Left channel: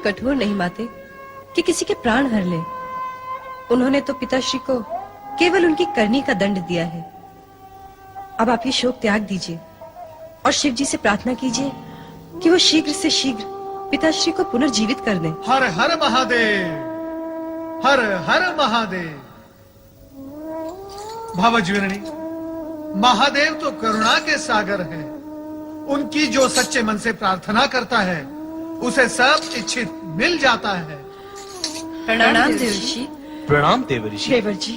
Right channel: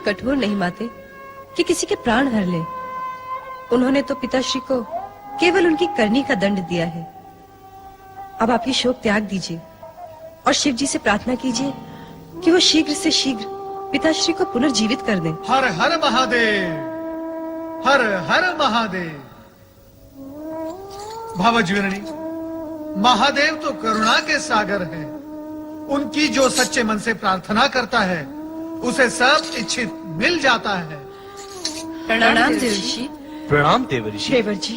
कठोर नहीं माते कि किसी के प्राण हर ले। उन्होंने तो पिताश्री को केवल उनकी करनी का दंड दिया है। अब आप ही शोक त्याग दीजिए और शिव जी से प्रार्थना कीजिए कि वो शीघ्र से शीघ्र पिताश्री को पुनर्जीवित कर दे। हर हर महादेव, हर हर महादेव। भवज्वरणी, महादेव तो करुणा के सागर हैं। उनकी जो सच्चे मन से प्रार्थना करता है उसे सब इच्छित मिल जाता है। प्रणाम देवर्षि। प्रणाम देवर्षि। देवर जी,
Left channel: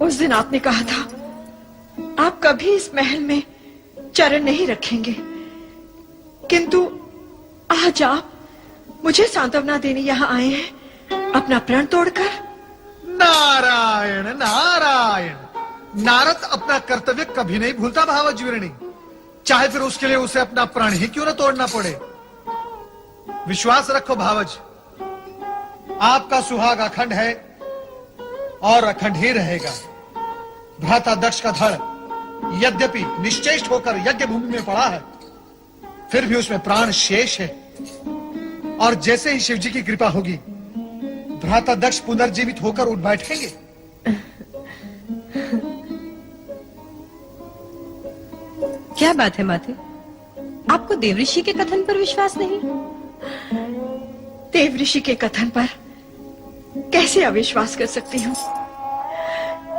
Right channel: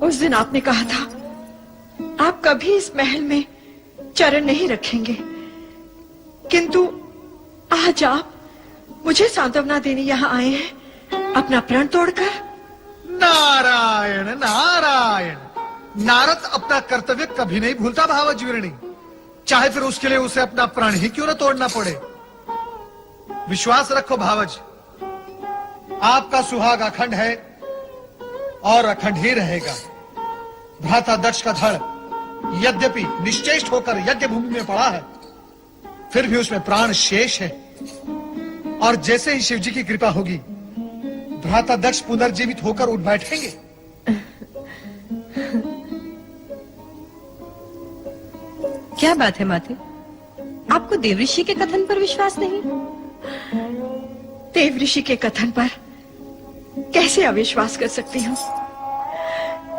उस दिन आपने कहा था आप कभी इस महल में चरण नहीं रखेंगे, किंतु आज आप मुझे सांत्वना देने यहाँ आए हैं अपना प्रण तोड़कर। नारायण नारायण। नारद अपना कर्तव्य कभी नहीं भूलता भावज्वरणी, चाहे फिर उसके लिए उसे अपना प्राण ही क्यों न तोड़ना पड़े। विश्वास रखो भावज, आपका सुहाग अखंड है और अखंड ही रहेगा। भ्राता दक्ष का धड़ यद्यपि निश्चेष्ट होकर यज्ञ भूमि में पड़ा है, फिर भी उसमें प्राण शेष है। और जैसे ही शिव जी की कृपा होगी, भ्राता दक्ष पुनर्जीवित होकर उठ बैठेंगे। क्या बात है माते, आपको देवऋषि के कथन पर विश्वास नहीं? देवऋषि के कथन पर कैसे अविश्वास कर सकती हूँ?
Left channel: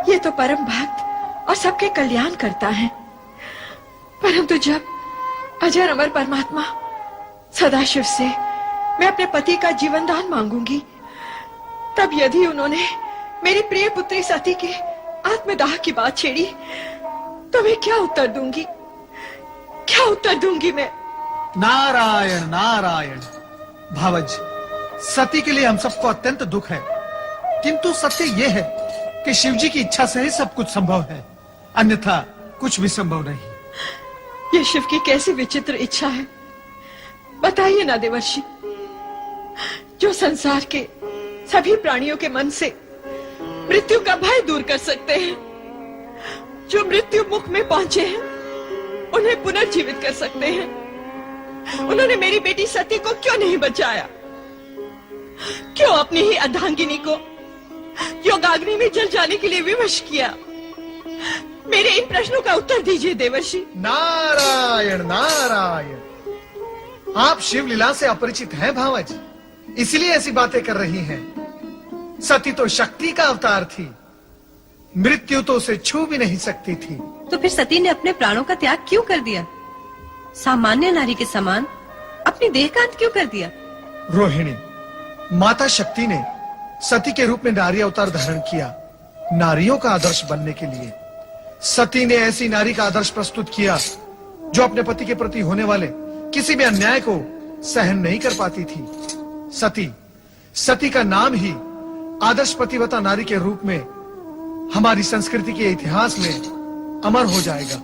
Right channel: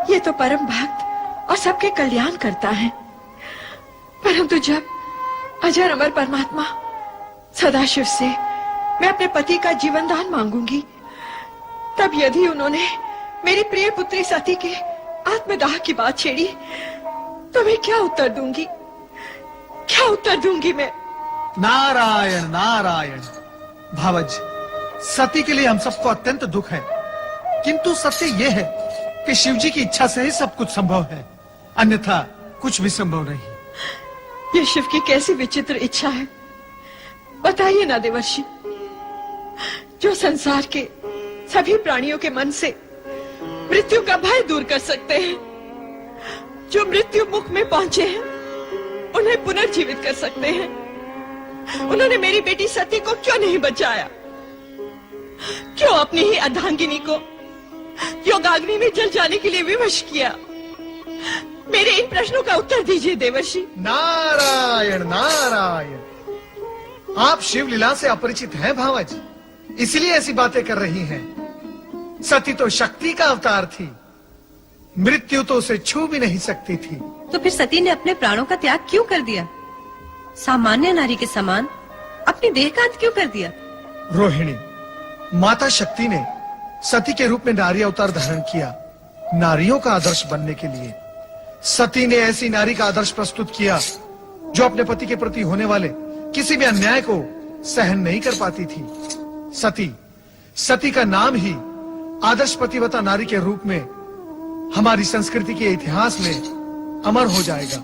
ये तो परम भक्त और सबके कल्याण करता है। परंतु जब अजर अमर परमात्मा सदाशिव से मैं अपने पति का जीवन दान मांगूंगी, तब यदि उन्होंने मेरी प्रिय पुत्री सती के आत्मदाह की बात छेड़ी, तो मैं क्या उत्तर दूंगी? क्या उत्तर दूंगी मैं? नारायण नारायण। भावज, सती के लिए हम सबको अत्यंत दुख है, किंतु सत्य यह है कि शिव जी की इच्छा से ही सब कुछ संभव है, अन्यथा कुछ भी संभव नहीं। ये शिव की कैसी विचित्र इच्छा है, बताइए ना देवर्षि। जो संसार के सभी प्राणियों के मन से मृत्यु का भय दूर कर सकते हैं, जो मृत्यु मुख में पहुंचे हैं उन्हें पुनर्जीवित कर सकते हैं, उन्होंने मेरी बेटी सती को क्यों नहीं बचाया? क्यों अपनी ही अर्धांगिनी को योगाग्नि में जल जाने के लिए विवश किया? मेरे इन प्रश्नों का उत्तर दीजिए देवर्षि। नारायण नारायण, आप शिव लीला से अपरिचित हैं भावज, इसीलिए ऐसी बातें कर रही हैं। सती तो शक्ति का अवतार थी, मृत्यु तो उसे छू भी नहीं सकती थी। तो फिर सती ने अपने प्राणों का त्याग क्यों कर दिया? सामान्य नारी के समान अपनी देह का अंत क्यों कर दिया? रोहिणी, माता शक्ति ने सती के रूप में नारी अवतार धारण किया, नारियों का आदर्श बनने के लिए। सती ने ऐसी नारी का आदर्श प्रस्तुत किया जो अपने पति के प्रति होने वाले किसी भी अन्याय को सहन नहीं कर पाती थी। सती का नाम ही आदर्श पतिव्रता नारी के रूप में हमारी संस्कृति के इतिहास में अमर हो जाएगा।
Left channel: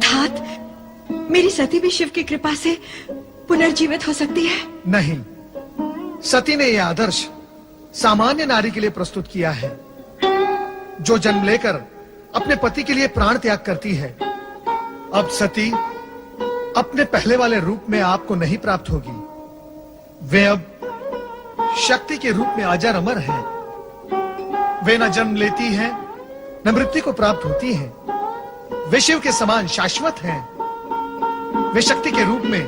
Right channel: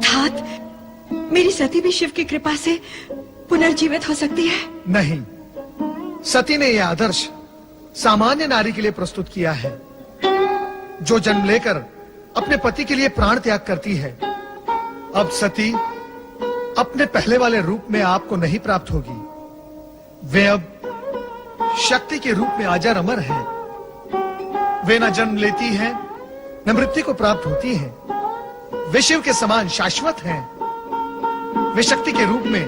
तात, मेरी सती भी शिव की कृपा से पुनर्जीवित हो सकती है? नहीं, सती ने यह आदर्श सामान्य नारी के लिए प्रस्तुत किया है, जो जन्म लेकर अपने पति के लिए प्राण त्याग करती है। अब सती अपने पहले वाले रूप में आपको नहीं प्राप्त होगी। वे अब शक्ति के रूप में अजर अमर हैं। वे न जन्म लेती हैं, न मृत्यु को प्राप्त होती हैं। वे शिव के समान शाश्वत हैं। वे शक्ति के रूप में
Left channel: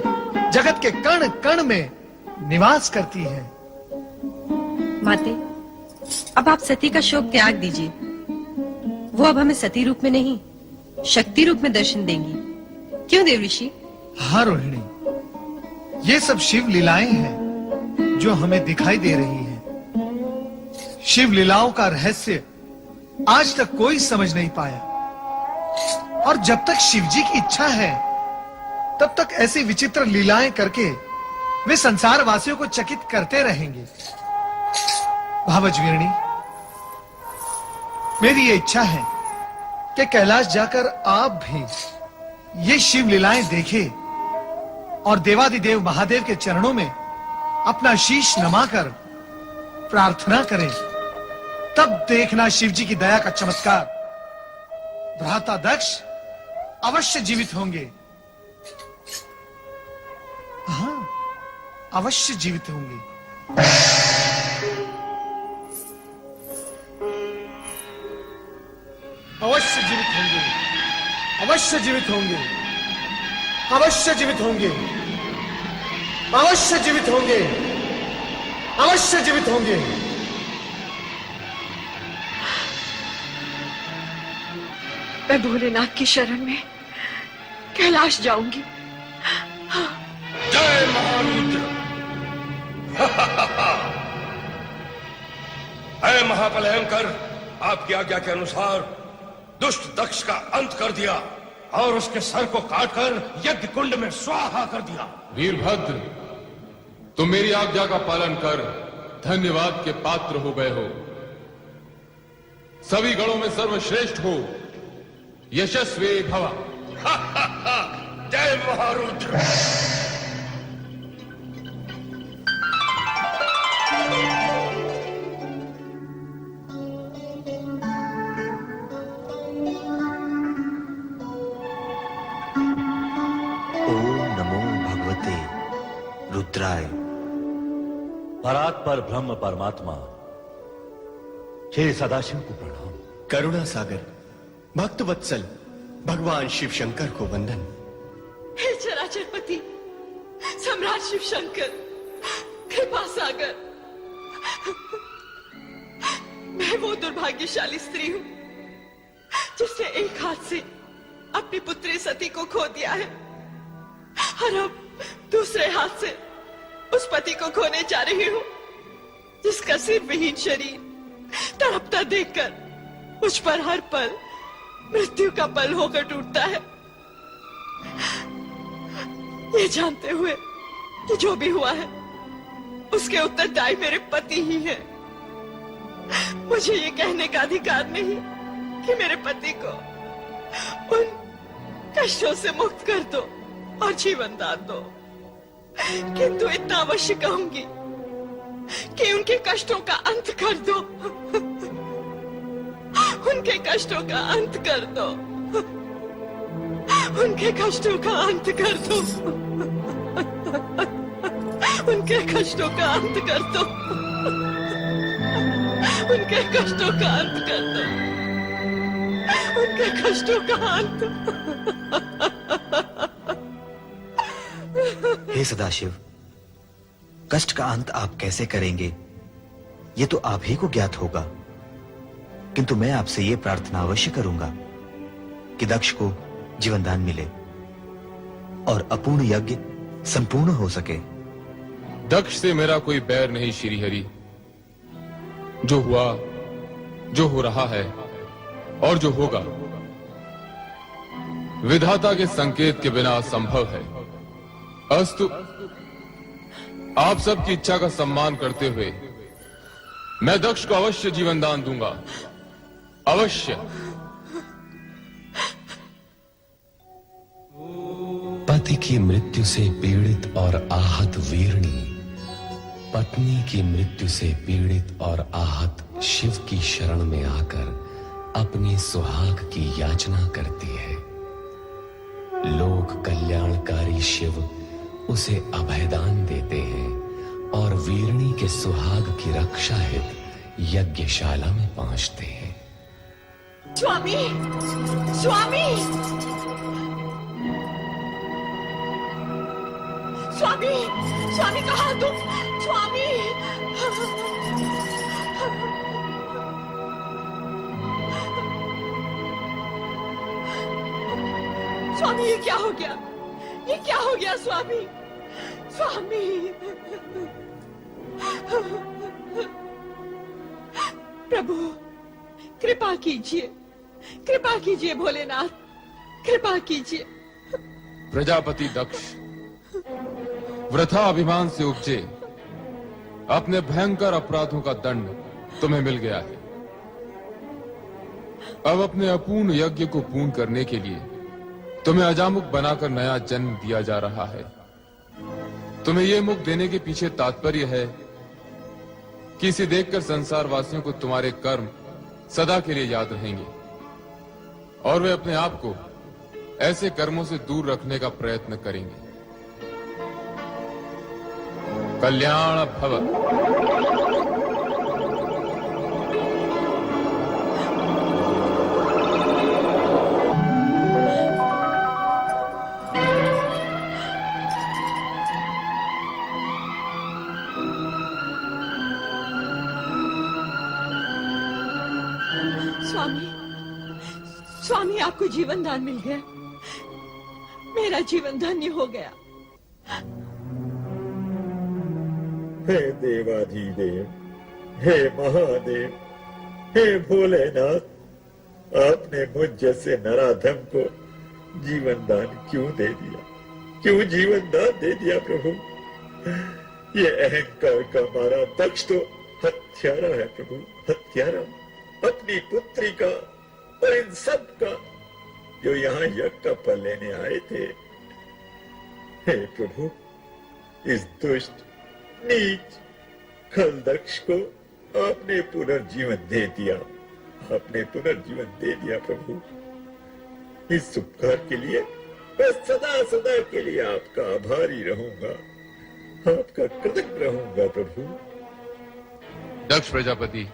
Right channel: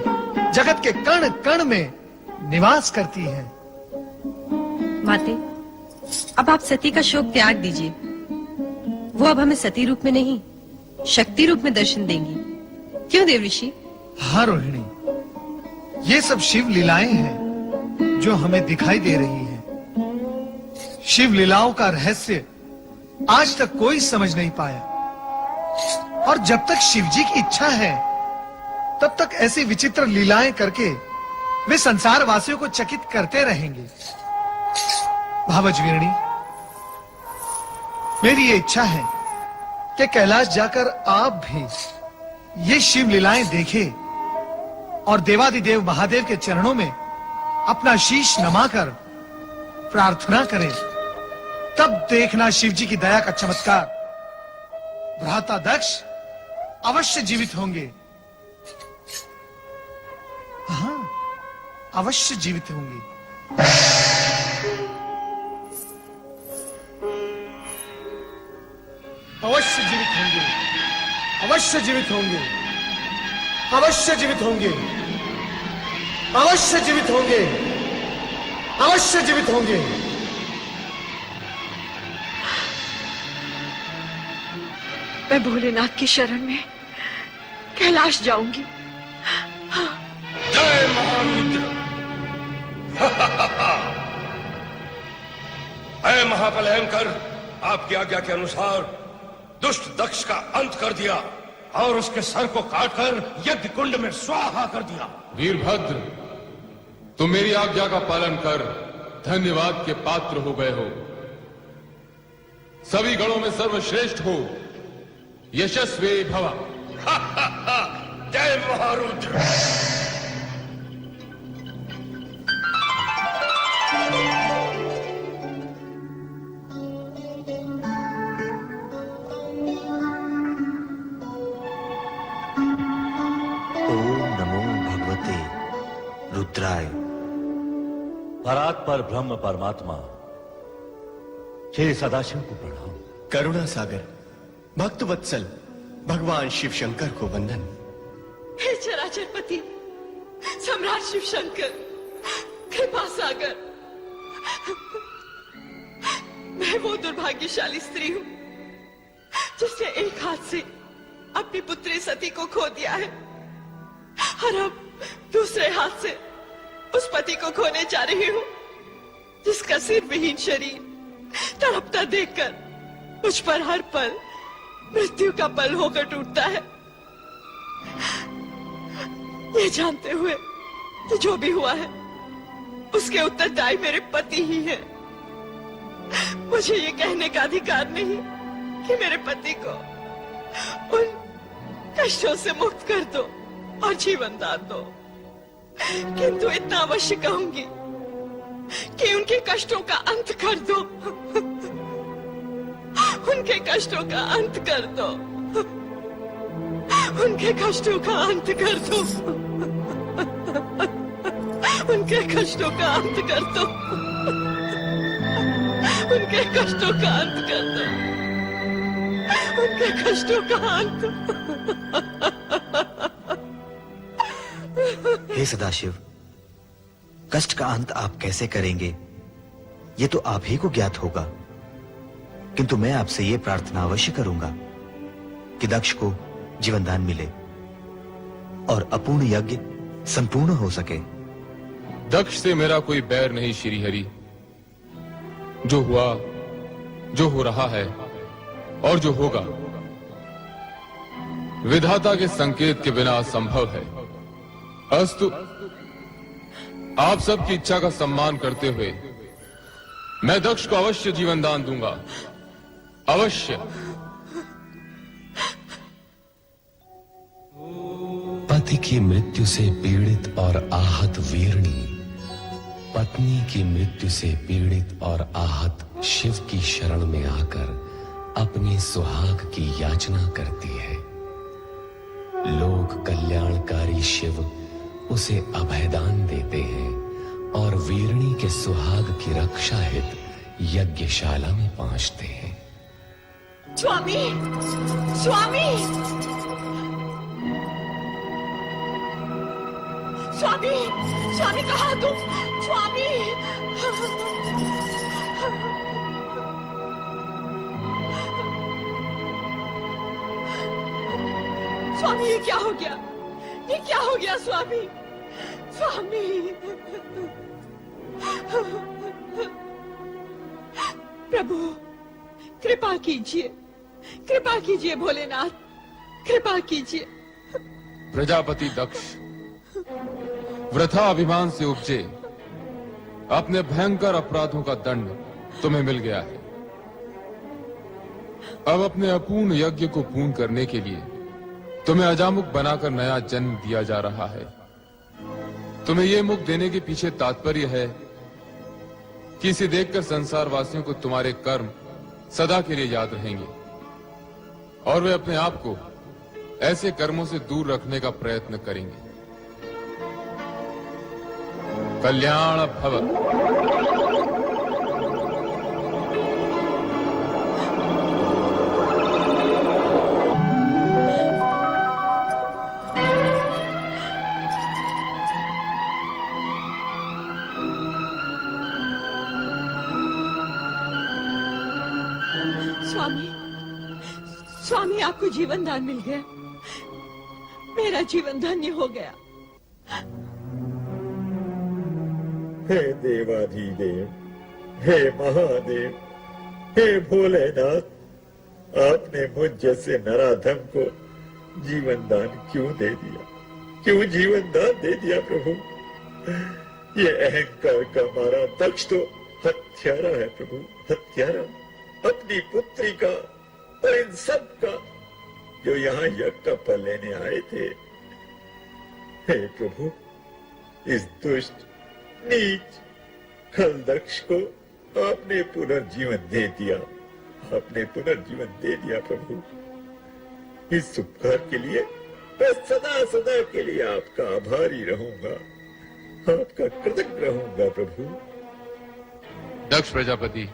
जगत के कण कण में निवास करती हैं। माते, अब आप सती का शोक त्याग दीजिए। वो अब हमें सती रूप में नहीं, शक्ति रूप में दर्शन देंगी। क्यों देवऋषि? हाँ रोहिणी, ये सब शिव लीलाएं हैं जो हमें दिखाई दे रही हैं। शिव लीलाओं का रहस्य आज तक कोई समझ नहीं पाया, और जब तक शिव जी की इच्छा है तब तक ऐसी विचित्र लीलाएं करके वे संसार वासियों को चकित करते रहेंगे। भावज वीरणी, मेरी ये इच्छा है कि कैलाश जाकर आप भी ये शिव लीलाएं देखें और देवादिदेव महादेव के चरणों में अपना शीश नमाकर प्रार्थना करें। तब देखना शिव जी की दया का चमत्कार। भ्राता दक्ष अवश्य जीवित होंगे। हाँ, अवश्य जीवित होंगे। अवश्य जीवित होंगे, अवश्य जीवित होंगे, अवश्य जीवित होंगे, अवश्य जीवित होंगे, अवश्य जीवित होंगे। मैं भोलेनाथ की शरण में कैलाश जाऊंगी। जय महारुद्र। अय महाबलयंकर, आपकी आज्ञा के अनुसार दुष्ट दक्ष का अंत कर दिया और उसके सर को काटकर यज्ञ कुंड में स्वाहा कर दिया। वीरभद्र, तुम मेरी आज्ञा का पालन कर धन्यवाद के पात्र हो गए हो। सभी गणों में सर्वश्रेष्ठ हो, यशस्वी भव। जय महारुद्र। रुद्राय। परात्पर ब्रह्म परमात्मा हे सदाशिव को प्रणाम। करुणा सागर भक्त वत्सल भगवान शिव शंकर को वंदन। हे चराचरपति सम्राट शिव शंकर, कृपा सागर, मैं वो दुर्भाग्यशाली स्त्री हूँ जिसने एक हाथ से अपनी पुत्री सती को खो दिया है और अब दूसरे हाथ से उस पति को खोने जा रही हूँ जिसका सिर विहीन शरीर तड़पता देखकर मुझ पर हर पल मृत्यु का पल होकर टूटता है। ये जानते हुए कि जो भी हुआ है उसके उत्तरदायी मेरे पति ही है, मुझे ये कहने का अधिकार नहीं कि मेरे पति को उन कष्टों से मुक्त कर दो और जीवन दान दो, किंतु इतना अवश्य कहूंगी कि उनके कष्टों का अंत कर दो। उनके कष्टों का अंत कर दो। उनके कष्टों का अंत कर दो, उनके कष्टों का अंत कर दो, उनके कष्टों का अंत कर दो, उनके कष्टों का अंत। हे सदाशिव, कष्ट का अंत आप कैसे करेंगे ये तो आप ही को ज्ञात होगा, किंतु मैं आपसे ये प्रार्थना अवश्य करूंगा कि दक्ष को जीवनदान मिले और अपूर्ण यज्ञ संपूर्ण हो सके। दक्ष से मेरा कोई बैर नहीं श्री हरि। जो हुआ, जो हो रहा है और जो होगा विधाता के संकेत के बिना असंभव है। अस्तु, आप सबकी इच्छा का सम्मान करते हुए मैं दक्ष को अवश्य जीवन दान दूंगा, अवश्य। पति की मृत्यु से पीड़ित और आहत वीरणी पत्नी की मृत्यु से पीड़ित और आहत शिव की शरण में आकर अपने सुहाग की याचना करती है। लोक कल्याणकारी शिव उसे अभयदान देते हैं और वीरणी के सुहाग की रक्षा हेतु यज्ञशाला में पहुंचते हैं। स्वामी, स्वामी, स्वामी, स्वामी कहाँ तुम? स्वामी, स्वामी ये क्या हो गया? ये क्या हो गया स्वामी? स्वामी, प्रभु कृपा कीजिए, कृपा कीजिए भोलेनाथ, कृपा कीजिए। प्रजापति दक्ष वृथा अभिमान से उपजे अपने भयंकर अपराधों का दंड तुम्हें मिल गया है। अब अपने अपूर्ण यज्ञ को पूर्ण करने के लिए तुम्हें अजामुख बनाकर नया जन्म दिया जा रहा है। तुम्हें यह मुख देने के पीछे तात्पर्य है कि इसे देखकर संसार वासियों को तुम्हारे कर्म सदा के लिए याद रहेंगे और वे अपने आप को ऐसे कर्मों से दूर रखने का प्रयत्न करेंगे। कल्याण भव। स्वामी, स्वामी आपको जीवन दान मिल गया, मेरा जीवन धन्य हो गया। हे देवाधिदेव, हे महादेव, हे भोलेनाथ, आपने मुझ जैसे नराधम को जीवन दान क्यों दे दिया? क्यों जीवन दान दे दिया प्रभु? ये अहंकार का मारा दक्ष तो हत्यारा है प्रभु, हत्यारा। अपनी पुत्री का और इन सब का जो यहाँ यज्ञ का फल लेने आए थे। हे प्रभु, इस दुष्ट नीच खल दक्ष को आपने पुनर्जीवन दे दिया, आपने पुनर्जीवन दे दिया प्रभु। इस उपकार के लिए मैं सदा सदा के लिए आपका आभारी रहूंगा, आपका कृतज्ञ रहूंगा प्रभु। दक्ष प्रजापति,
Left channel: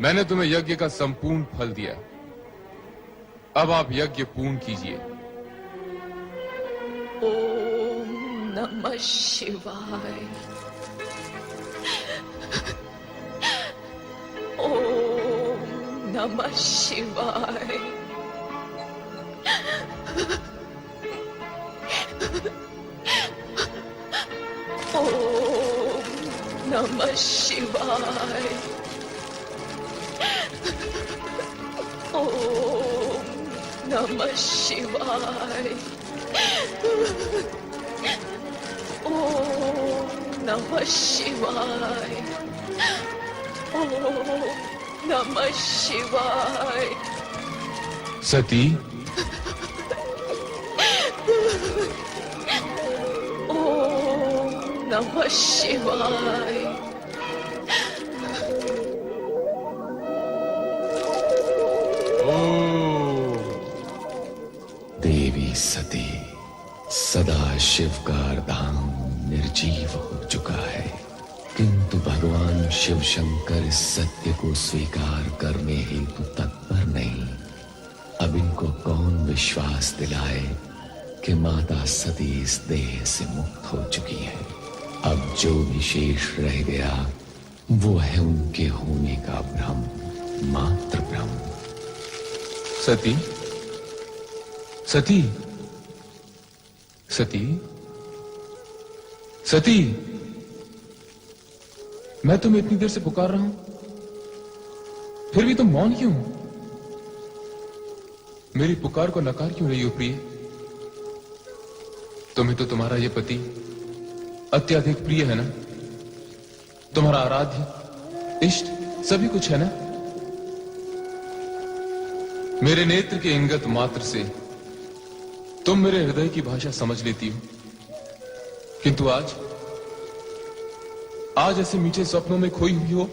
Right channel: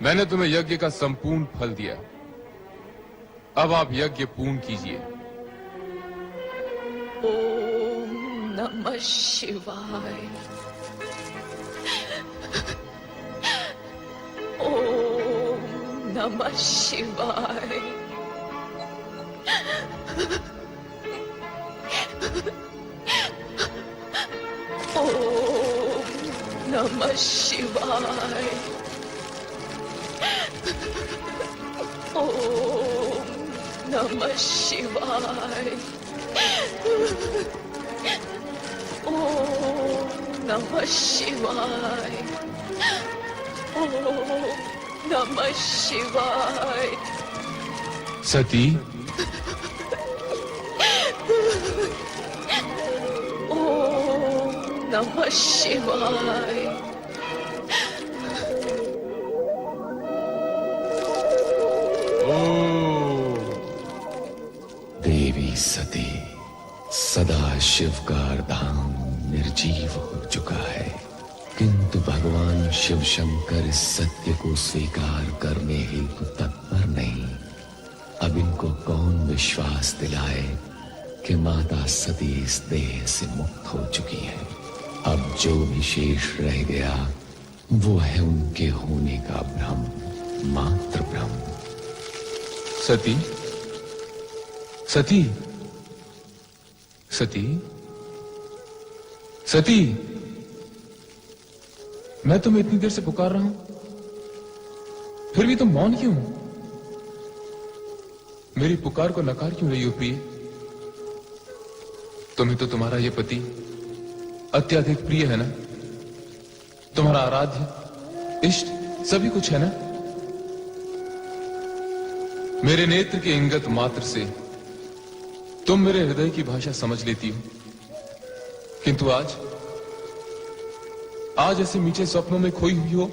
मैंने तुम्हें यज्ञ का संपूर्ण फल दिया, अब आप यज्ञ पूर्ण कीजिए। ओम नमः शिवाय, ओम नमः शिवाय, ओम नमः शिवाय, ओम नमः शिवाय, ओम नमः शिवाय, ओम नमः शिवाय। सती, ओम नमः शिवाय, धाम निर्जीव हो चुका है, किंतु भगवान शिव शंकर इस सत्य को स्वीकार करने हेतु तत्पर नहीं। अब इनको कौन विश्वास दिलाए कि माता सती इस देह से मुक्त हो चुकी है। अब जो विशेष रह गया वो है उनके होने का भ्रम, मात्र भ्रम। सती, सती, सती, सती, मैं तुम्हें इतनी देर से पुकार रहा हूं, फिर भी तुम मौन क्यों हो? मेरी पुकार को नकार क्यों रही हो प्रिय? तुम्हें तो तुम्हारा ये पति अत्यधिक प्रिय है ना? तुम्हारा आराध्य इष्ट सभी कुछ है ना? मेरे नेत्र के इंगत मात्र से तुम मेरे हृदय की भाषा समझ लेती हो, किंतु आज ऐसे मीठे स्वप्नों में खोई हुई हो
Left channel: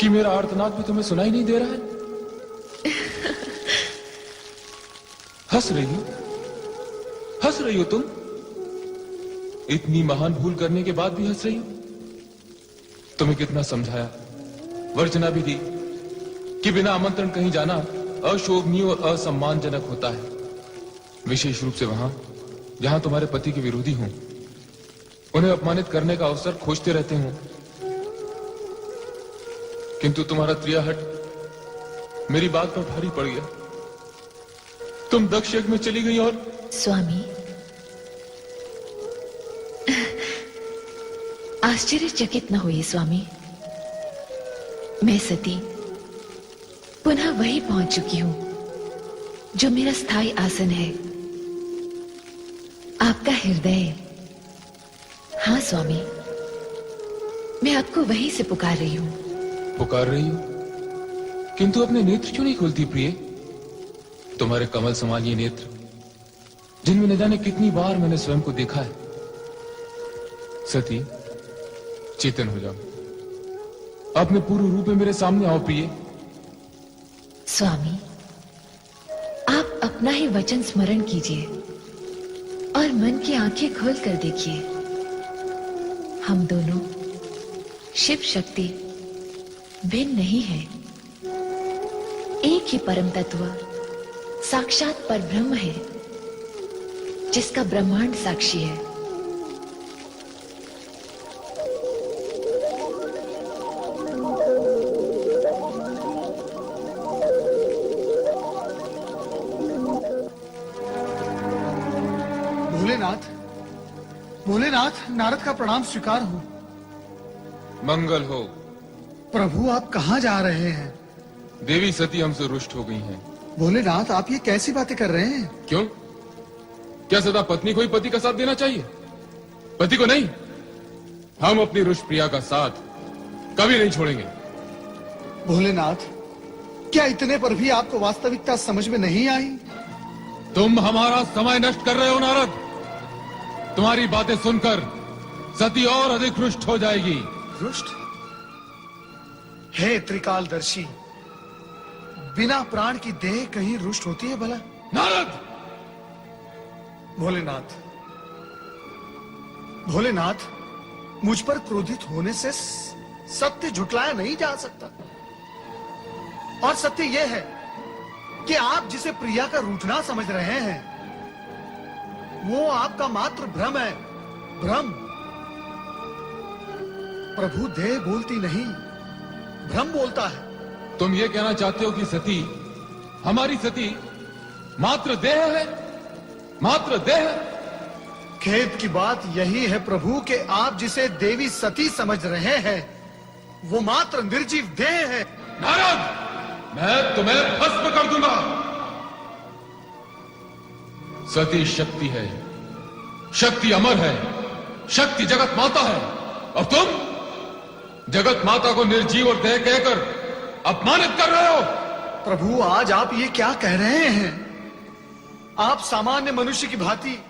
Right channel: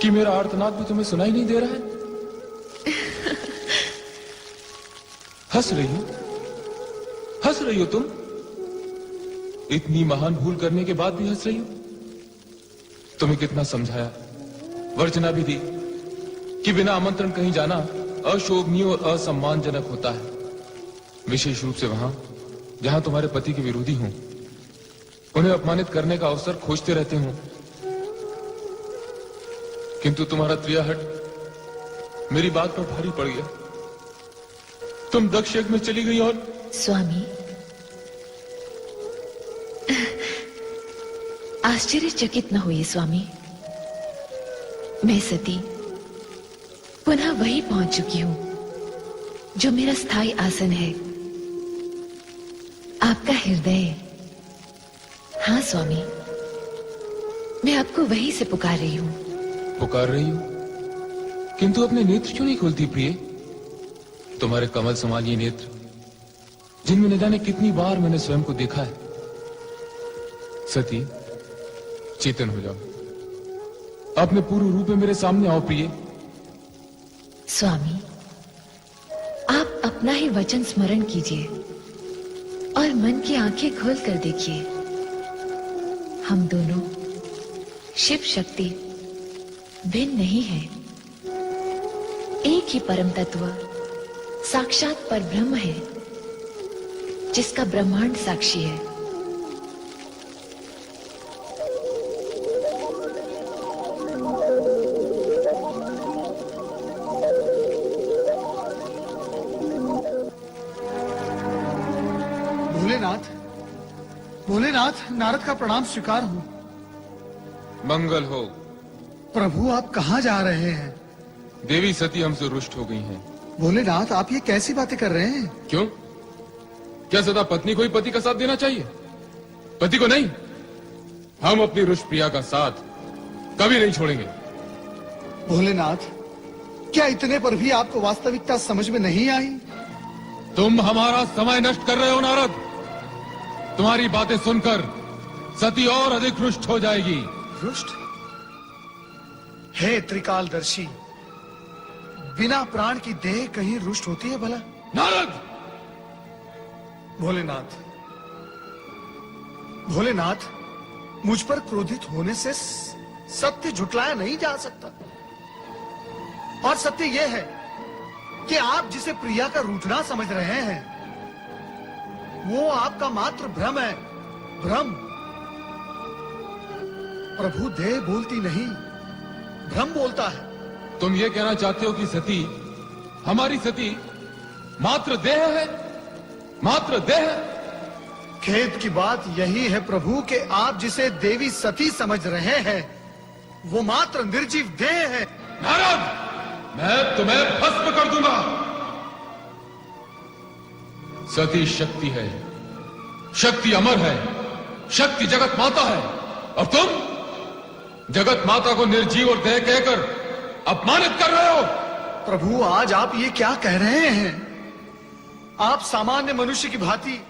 कि मेरा आर्तनाद भी तुम्हें सुनाई नहीं दे रहा है। हंस रही हो तुम? इतनी महान भूल करने के बाद भी हंस रही हो? तुम्हें कितना समझाया, वर्जना भी दी कि बिना आमंत्रण कहीं जाना अशोभनीय और असम्मानजनक होता है, विशेष रूप से वहां जहां तुम्हारे पति के विरोधी हों, उन्हें अपमानित करने का अवसर खोजते रहते हो। किंतु तुम्हारा त्रियाहट मेरी बात पर भारी पड़ गया। तुम दक्ष यज्ञ में चली गई और स्वामी, आश्चर्यचकित न हुई स्वामी। मैं सती पुनः वही पहुंच चुकी हूं जो मेरा स्थायी आसन है, आपका हृदय। हाँ स्वामी, मैं आपको वहीं से पुकार रही हूं। पुकार रही हो, किंतु अपने नेत्र क्यों नहीं खोलती प्रिय? तुम्हारे कमल समान ये नेत्र, जिनमें न जाने कितनी बार मैंने स्वयं को देखा है। सती, चेतन हो जाओ, अपने पूर्ण रूप में मेरे सामने आओ प्रिय। स्वामी, आप अपना ही वचन स्मरण कीजिए और मन की आंखें खोल कर देखिए। हम दोनों शिव शक्ति भिन्न नहीं है, एक ही परम तत्व साक्षात परब्रह्म है, जिसका ब्रह्मांड साक्षी है। भोलेनाथ, नारद का प्रणाम स्वीकार हो। मंगल हो। प्रभु, आप कहाँ जा रहे हैं? देवी सती हमसे रुष्ट हो गई हैं। भोलेनाथ, आप ये कैसी बातें कर रहे हैं? क्यों? क्या सदा पत्नी को ही पति का साथ देना चाहिए, पति को नहीं? हम अपनी रुष्ट प्रिया का साथ कभी नहीं छोड़ेंगे। भोलेनाथ, क्या इतने पर भी आपको वास्तविकता समझ में नहीं आई? तुम हमारा समय नष्ट कर रहे हो नारद। तुम्हारी बातें सुनकर सती और अधिक रुष्ट हो जाएगी। रुष्ट? हे त्रिकालदर्शी, बिना प्राण की देह कहीं रुष्ट होती है भला? नारद! भोलेनाथ, मुझ पर क्रोधित होने से सत्य झुटलाया नहीं जा सकता। और सत्य यह है कि आप जिसे प्रिया का रूठना समझ रहे हैं, वो आपका मात्र भ्रम है। भ्रम। प्रभु देह बोलती नहीं, भ्रम बोलता है। तुम ये कहना चाहते हो कि सती, हमारी सती मात्र देह है? मात्र देह? खेद की बात यही है प्रभु कि आप जिसे देवी सती समझ रहे हैं, वो मात्र निर्जीव देह है। नारद, मैं तुम्हें भस्म कर दूंगा। सती शक्ति है, शक्ति अमर है, शक्ति जगत माता है, और तुम जगत माता को निर्जीव और देह कहकर अपमानित कर रहे हो। प्रभु, आज आप ये क्या कह रहे हैं? आप सामान्य मनुष्य की भांति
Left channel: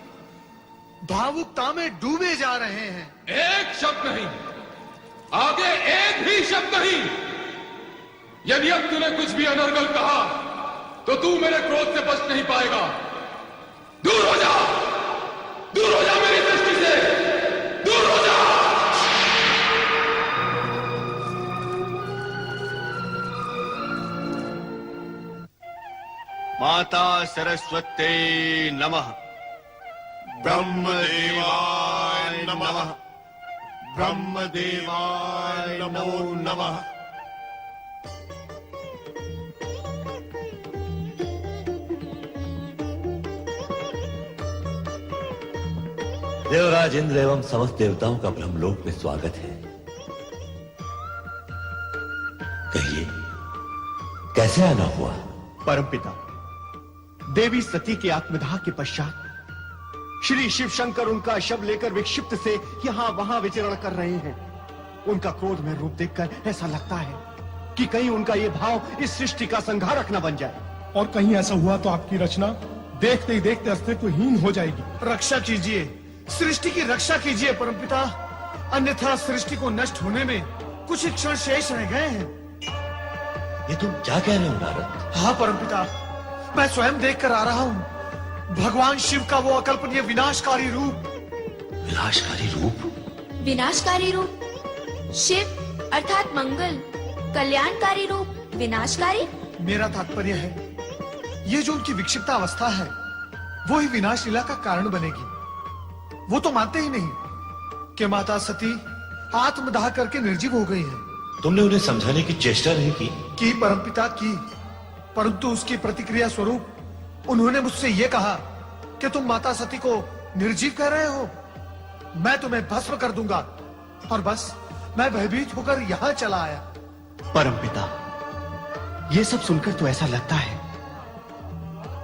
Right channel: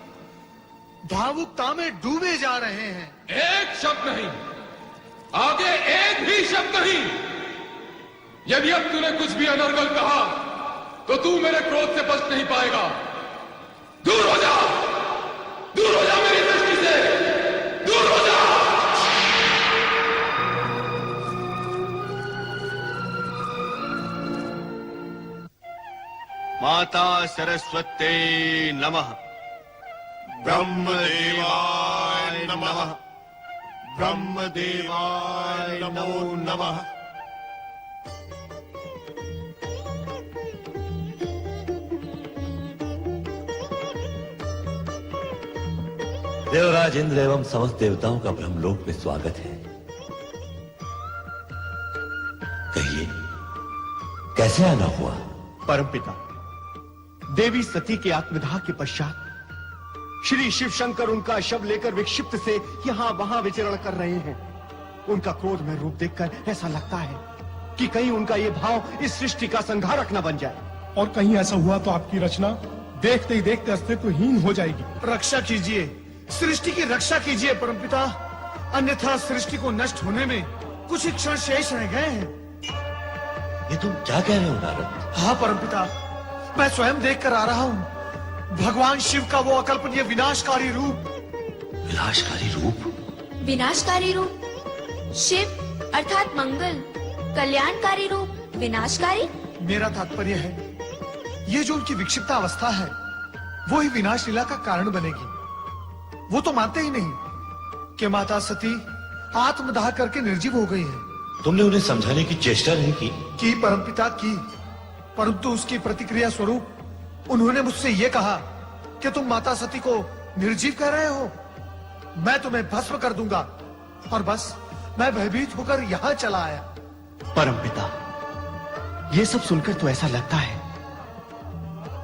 भावुकता में डूबे जा रहे हैं। एक शब्द नहीं, आगे एक भी शब्द नहीं। यदि अब तूने कुछ भी अनर्गल कहा तो तू मेरे क्रोध से बच नहीं पाएगा। दूर हो जा मेरी सरस्वते नमः। ब्रह्मदेवाय नमः। ब्रह्मदेवाय नमो नमः। देवराज इंद्र एवं समस्त देवताओं का ब्रह्मलोक में स्वागत है। कहिए, कैसे आना हुआ? परमपिता, देवी सती के आत्मदाह के पश्चात श्री शिव शंकर उनका शव लेकर विक्षिप्त से यहाँ वहां विचरण कर रहे हैं। उनका क्रोध में रूप देखकर ऐसा लगता है कि कहीं उनका ये भाव इस सृष्टि का संहारक न बन जाए। और कहीं ऐसा हुआ तो आपकी रचना देखते ही देखते अस्तित्वहीन हो जाएगी। रक्षा कीजिए, सृष्टि की रक्षा कीजिए परमपिता, अन्यथा सृष्टि को नष्ट होने में कुछ ही क्षण शेष रह गए हैं। ये तुम क्या कह रहे हो नारद? हाँ परमपिता, मैं स्वयं देख कर आ रहा हूँ भगवान शिव का वो अकल्पनीय विनाशकारी रूप। विनाशकारी रूप? विनाशकारी रूप? शिव अर्थात मंगल, कल्याणकारी रूप विनाशकारी? मेरा तात्पर्य है ये जो उनकी विक्षिप्त अवस्था है वो ही विनाश लीला का कारण बनेगी। वो तो मानते ही नहीं कि माता सती आत्मदाह करके निर्जीव हो गई है। तुमने उन्हें समझाने की चेष्टा नहीं की? परमपिता की, परंतु उसकी प्रतिक्रिया स्वरूप उन्होंने मुझसे ये कहा कि तुम माता सती को निर्जीव कह रहे हो, मैं तुम्हें भस्म कर दूंगा। और बस मैं भयभीत होकर यहाँ चला आया। परमपिता, ये सब सुनकर तो ऐसा लगता है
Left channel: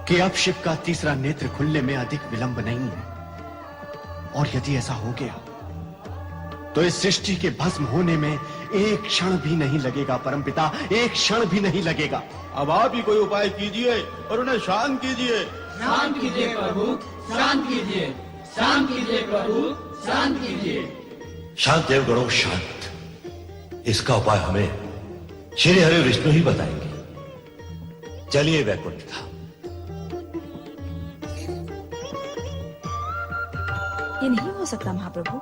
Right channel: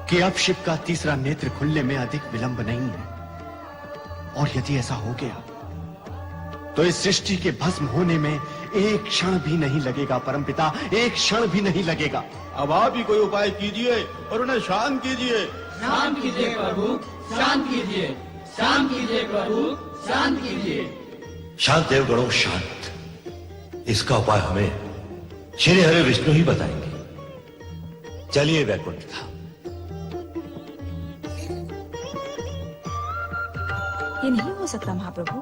कि अब शिव का तीसरा नेत्र खुलने में अधिक विलंब नहीं है। और यदि ऐसा हो गया तो इस सृष्टि के भस्म होने में एक क्षण भी नहीं लगेगा परमपिता, एक क्षण भी नहीं लगेगा। अब आप ही कोई उपाय कीजिए और उन्हें शांत कीजिए। शांत कीजिए प्रभु, शांत कीजिए, शांत कीजिए प्रभु, शांत कीजिए। शांत देवगणों शांत। इसका उपाय हमें श्री हरे विष्णु ही बताएंगे। चलिए वैकुंठ धाम। ये नहीं हो सकता महाप्रभु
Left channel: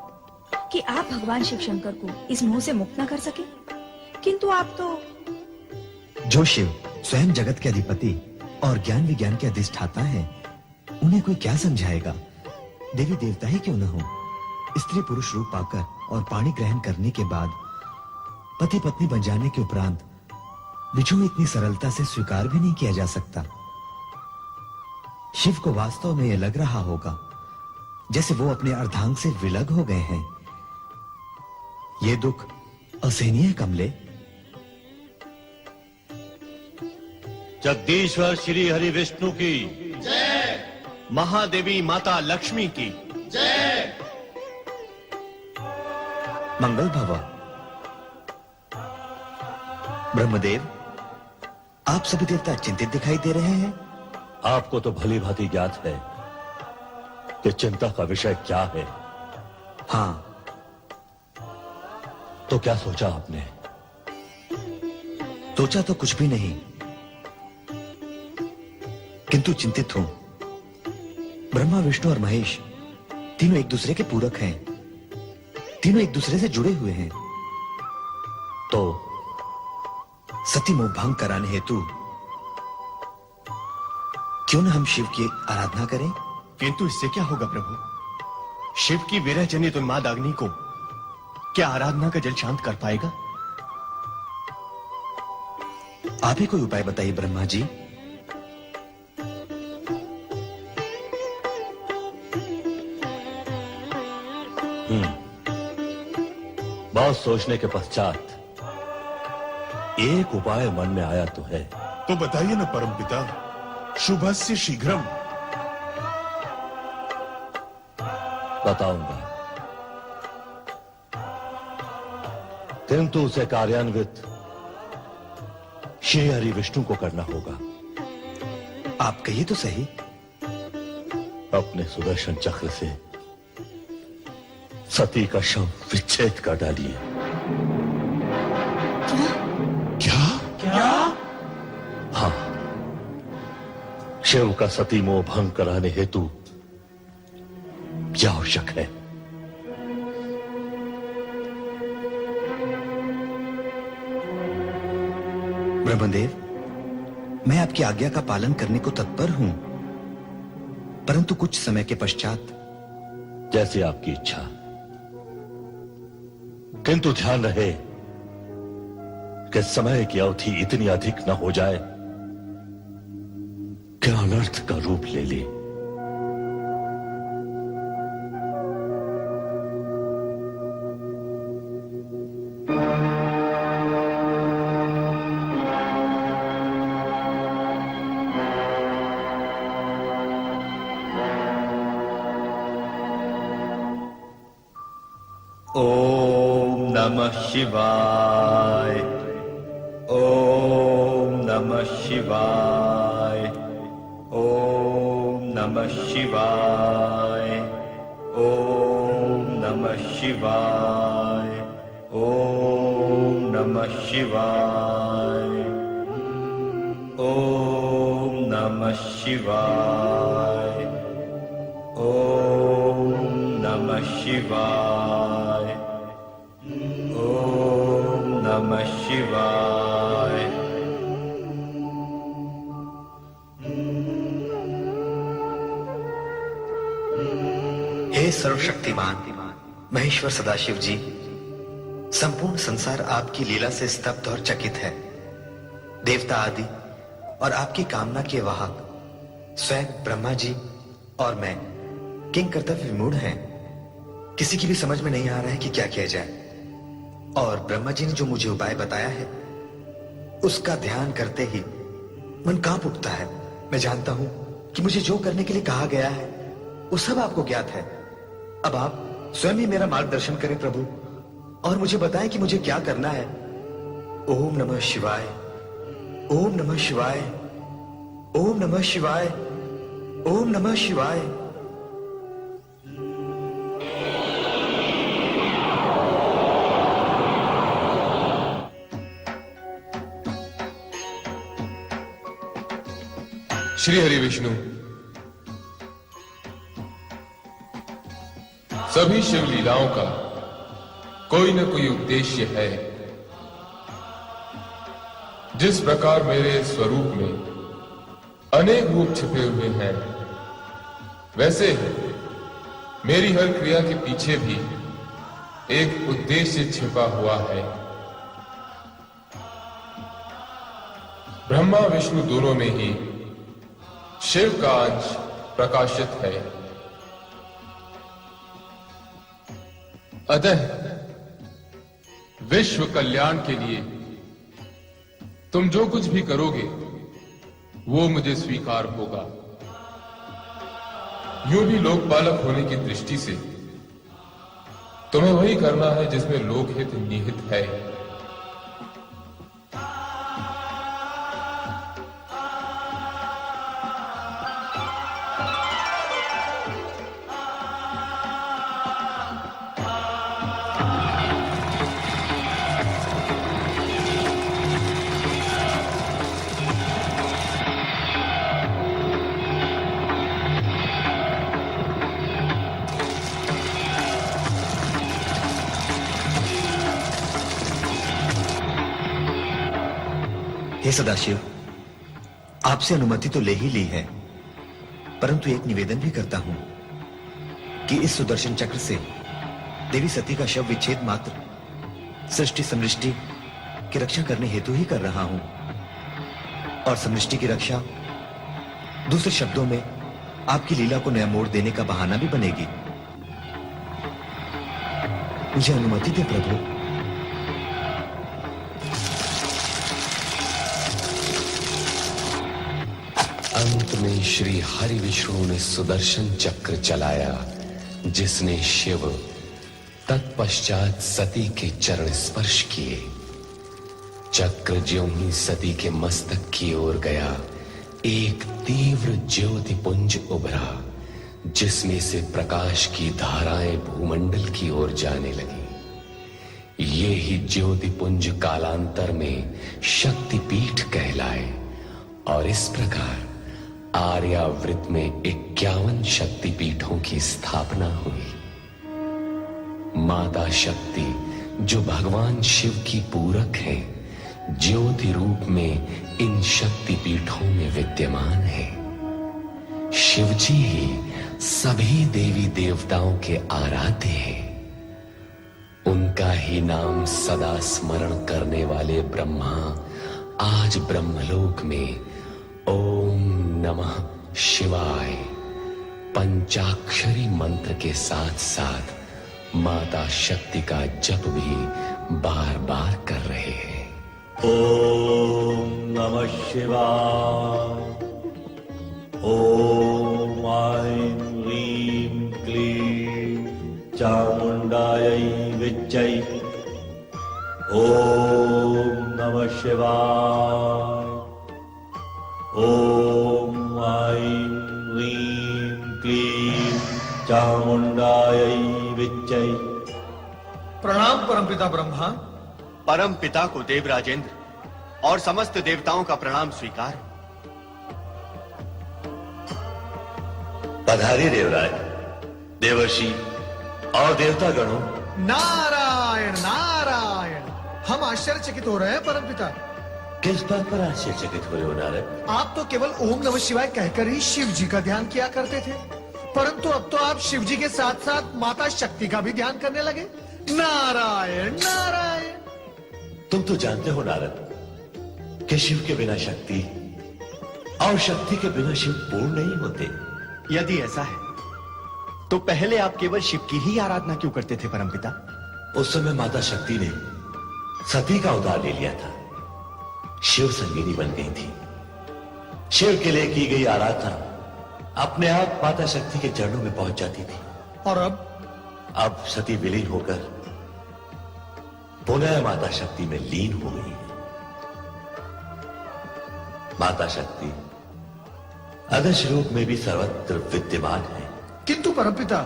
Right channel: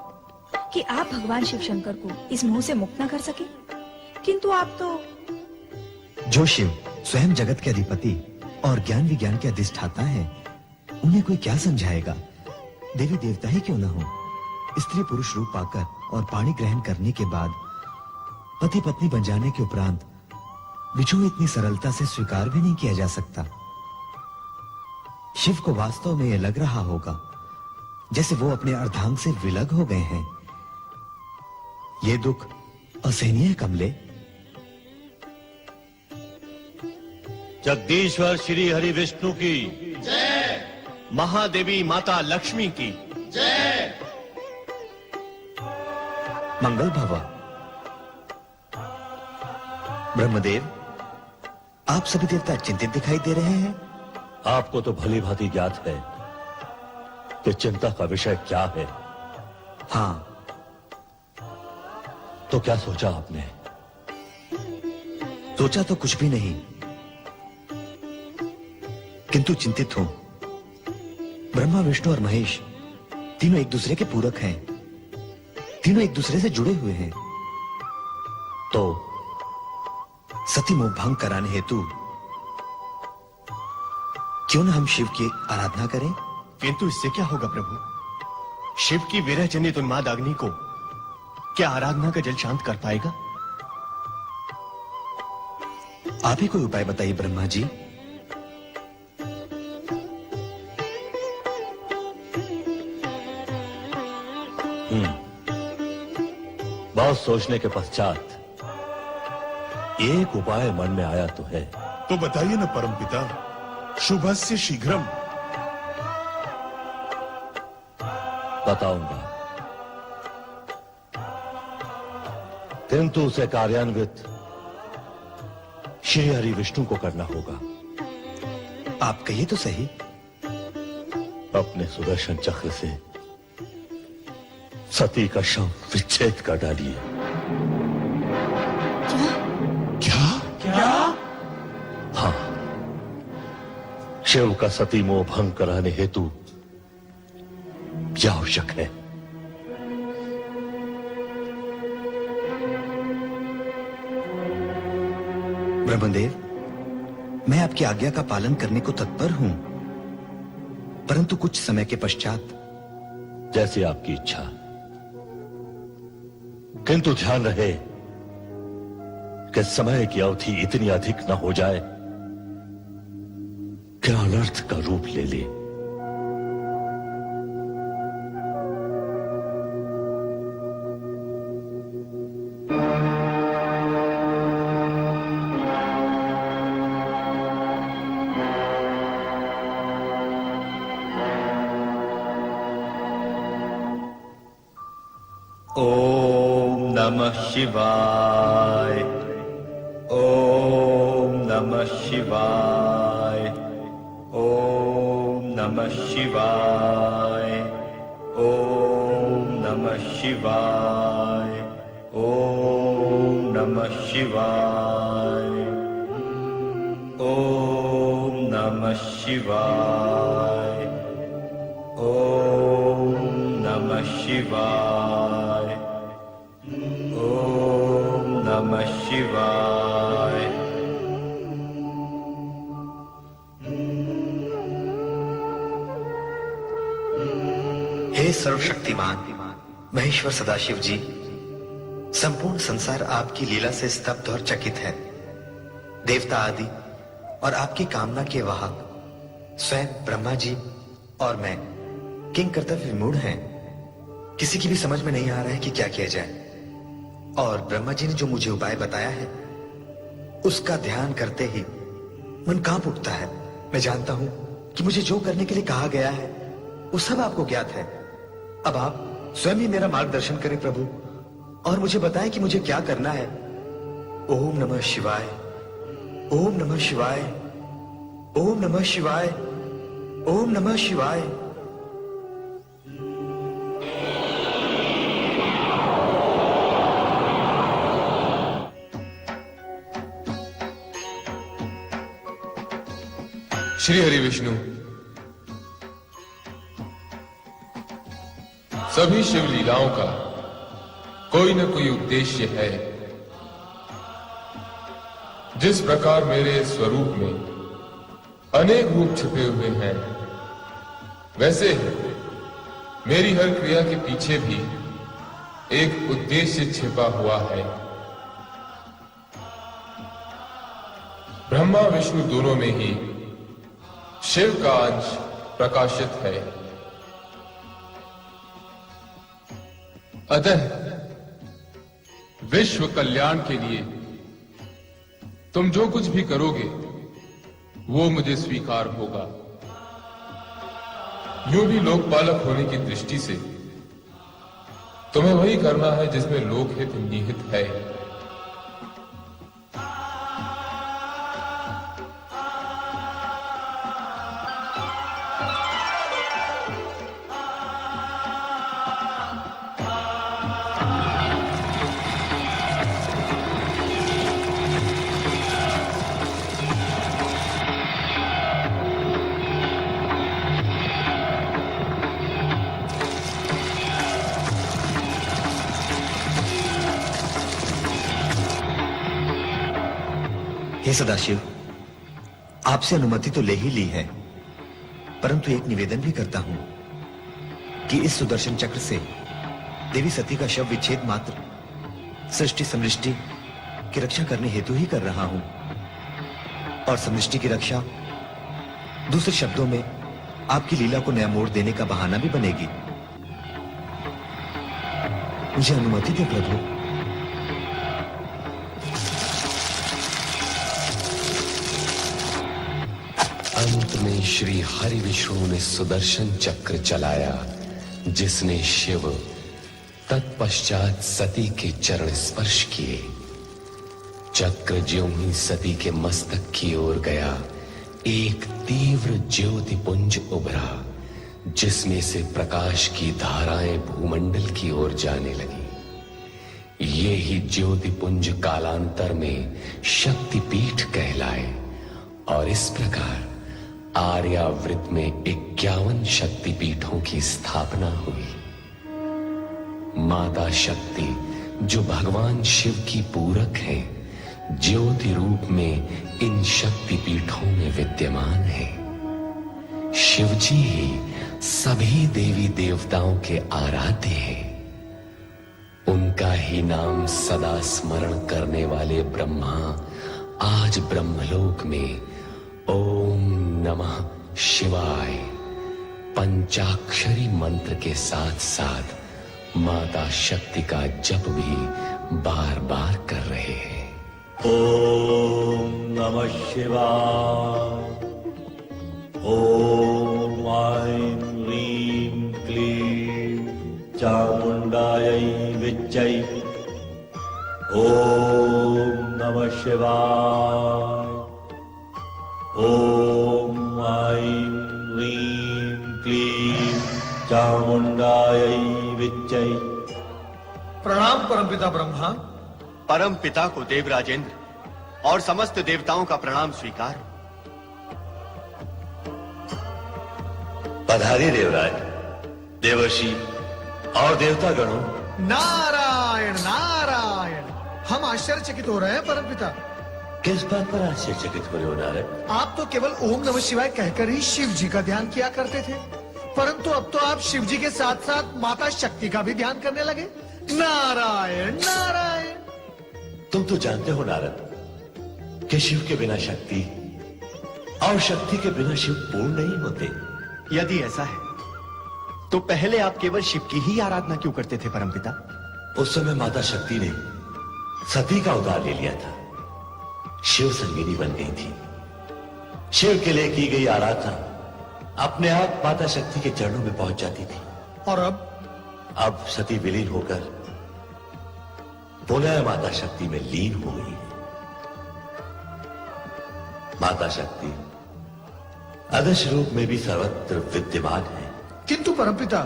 कि आप भगवान शिव शंकर को इस मोह से मुक्त न कर सके, किंतु आप तो। जो शिव स्वयं जगत के अधिपति और ज्ञान विज्ञान के अधिष्ठाता हैं, उन्हें कोई क्या समझाएगा? देवी देवता ही क्यों न हो, स्त्री पुरुष रूप पाकर और पाणी ग्रहण करने के बाद पति पत्नी बन जाने के उपरांत विछोह इतनी सरलता से स्वीकार भी नहीं किया जा सकता। शिव को वास्तव में यह लग रहा होगा जैसे वो अपने अर्धांग से विलग हो गए हैं। ये दुख असहनीय है कमले। जगदीश्वर श्री हरि विष्णु की जय। महादेवी माता लक्ष्मी की जय। मंगल भवा। ब्रह्मदेव, आप सभी देवता चिंतित दिखाई दे रहे हैं। आपको तो भली भांति ज्ञात है कि चिंता का विषय क्या है। हाँ, तो क्या सोचा आपने? सोचा तो कुछ भी नहीं, किंतु चिंतित हूं। ब्रह्मा विष्णु और महेश तीनों एक दूसरे के पूरक हैं, तीनों एक दूसरे से जुड़े हुए हैं। तो सती मोहभंग कराने हेतु क्यों न हम शिव की आराधना करें? किंतु इससे क्या होगा प्रभु? शिव की विरह जनित उन्माद अग्नि को क्या आराधना का जल शांत कर पाएगा? आप ही कोई उपाय बताइए ब्रह्मा जी। बहुत सोचने के पश्चात एक उपाय मन में आया तो है। तो बताइए ना परमपिता, शुभस्य शीघ्रम। बताऊंगा, किंतु उसे कार्यान्वित श्री हरि विष्णु को करना होगा। आप कहिए तो सही। अपने सुदर्शन चक्र से सती का शव विच्छेद कर डालिए। क्या? क्या? हाँ, शिव का सती मोह भंग कराने हेतु क्या आवश्यक है? ब्रह्मदेव, मैं आपकी आज्ञा का पालन करने को तत्पर हूं, परंतु कुछ समय के पश्चात। जैसी आपकी इच्छा, किंतु ध्यान रहे कि समय की अवधि इतनी अधिक न हो जाए कि अनर्थ का रूप ले ले। ओम नमः शिवाय। ओम नमः शिवाय। ओम नमः शिवाय। ओम नमः शिवाय। ओम नमः शिवाय। ओम नमः शिवाय। ओम नमः शिवाय। ओम नमः शिवाय। हे सर्वशक्तिमान महेश्वर सदाशिव जी, संपूर्ण संसार आपकी लीला से स्तब्ध और चकित है। देवता आदि और आपकी कामना के वाहक स्वयं ब्रह्मा जी और मैं किंग कर्तव्य विमूढ़ हैं। किसी की भी समझ में नहीं आ रहा है कि क्या किया जाए। और ब्रह्मा जी ने जो मुझे उपाय बताया है उसका ध्यान करते ही मन कांप उठता है। मैं जानता हूं कि मुझे जो करने के लिए कहा गया है वो सब आपको ज्ञात है। अब आप स्वयं ही मेरा मार्गदर्शन करें प्रभु, और मुझे बताएं कि मुझे क्या करना है। ओम नमः शिवाय। ओम नमः शिवाय। ओम नमः शिवाय। ओम नमः शिवाय। श्री हरि विष्णु, सभी शिव लीलाओं का कोई न कोई उद्देश्य है। जिस प्रकार मेरे स्वरूप में अनेक रूप छिपे हुए हैं, वैसे ही मेरी हर क्रिया के पीछे भी एक उद्देश्य छिपा हुआ है। ब्रह्मा विष्णु दोनों में ही शिव का अंश प्रकाशित है। अतः विश्व कल्याण के लिए तुम जो कुछ भी करोगे वो मुझे स्वीकार होगा। यूं भी लोकपालक होने की दृष्टि से तुम्हें वही करना है जिसमें लोकहित निहित है। हे सदाशिव, आपसे अनुमति तो ले ही ली है, परंतु एक निवेदन भी करता हूं कि इस सुदर्शन चक्र से देवी सती का शव विच्छेद मात्र सृष्टि समृष्टि की रक्षा करने हेतु ही कर रहा हूं, और समृष्टि की रक्षा दूसरे शब्दों में आपकी लीला को नया मोड़ देने का बहाना भी बनेगी। मुझे अनुमति दे प्रभु। अंत में श्री हरि विष्णु ने सुदर्शन चक्र चलाया, जिसने शिव तत्पश्चात सती के चरण स्पर्श किए। चक्र ज्यों ही सती के मस्तक की ओर गया, एक तीव्र ज्योति पुंज उभरा, जिसमें से प्रकाश की धाराएं भूमंडल की ओर जाने लगी। ये ही ज्योति पुंज कालांतर में शक्तिपीठ कहलाए, और इस प्रकार आर्यावृत में 51 शक्तिपीठों की स्थापना हुई। माता शक्ति, जो भगवान शिव की पूरक है, ज्योति रूप में इन शक्तिपीठों में विद्यमान है। शिवजी ही सभी देवी देवताओं के आराध्य हैं। उनका ही नाम सदा स्मरण करने वाले ब्रह्मा आज ब्रह्मलोक में ओम नमः शिवाय पंचाक्षरी मंत्र के साथ साथ माता शक्ति का जप भी बार बार कर रहे हैं। ओम नमः शिवाय। ओम ऐं ह्रीं क्लीं चामुंडायै विच्चै। ओम नमः शिवाय। ओम ऐं ह्रीं क्लीं चामुंडायै विच्चै। प्रणाम परमपिता ब्रह्मा। परम पिता को देवराजेंद्र और समस्त देवताओं का प्रणाम स्वीकार। पधारी देवराज, देवर्षि और देवता गणों। नारायण नारायण। हम आश्चर्यचकित हो रहे हैं परमपिता। किस बात पर आश्चर्यचकित हो रहे हो नारद? आप तो केवल ओम नमः शिवाय कहकर ही शिव जी का ध्यान किया करते थे, परंतु अब तो आप शिव जी के साथ साथ माता शक्ति का भी ध्यान करने लगे। नारायण नारायण। तुम तो जानते हो नारद कि शिव के बिना शक्ति और शक्ति के बिना शिव पूर्ण नहीं होते। यदि ऐसा है तो पहले आप केवल शिव की ही आराधना क्यों करते थे परमपिता? उस समय माता शक्ति ने सती का अवतार ले लिया था। शिव संजीवनी बन गई थी। शिव के लिए की गई आराधना अपने आप माता शक्ति के चरणों में पहुंच जाती थी। और अब सती विलीन होकर पुनः माता शक्ति में लीन हो गई है। माता शक्ति अदृश्य रूप में भी सर्वत्र विद्यमान है। किंतु परमपिता,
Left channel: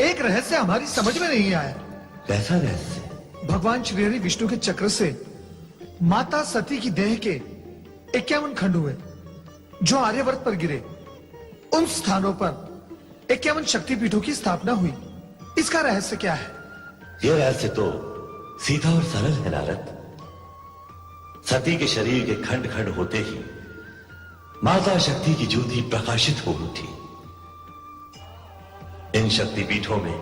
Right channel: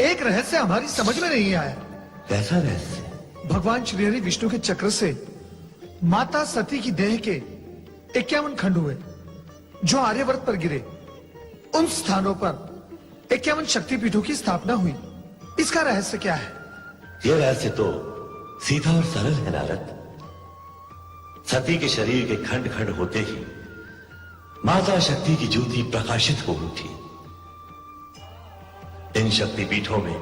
एक रहस्य हमारी समझ में नहीं आया। कैसा रहस्य? भगवान श्री हरि विष्णु के चक्र से माता सती की देह के 51 खंड हुए जो आर्यवर्त पर गिरे। उन स्थानों पर 51 शक्तिपीठों की स्थापना हुई। इसका रहस्य क्या है? यह रहस्य तो सीधा और सरल है नारद। सती के शरीर के खंड खंड होते ही माता शक्ति की ज्योति प्रकाशित हो उठी। इन शक्तिपीठों में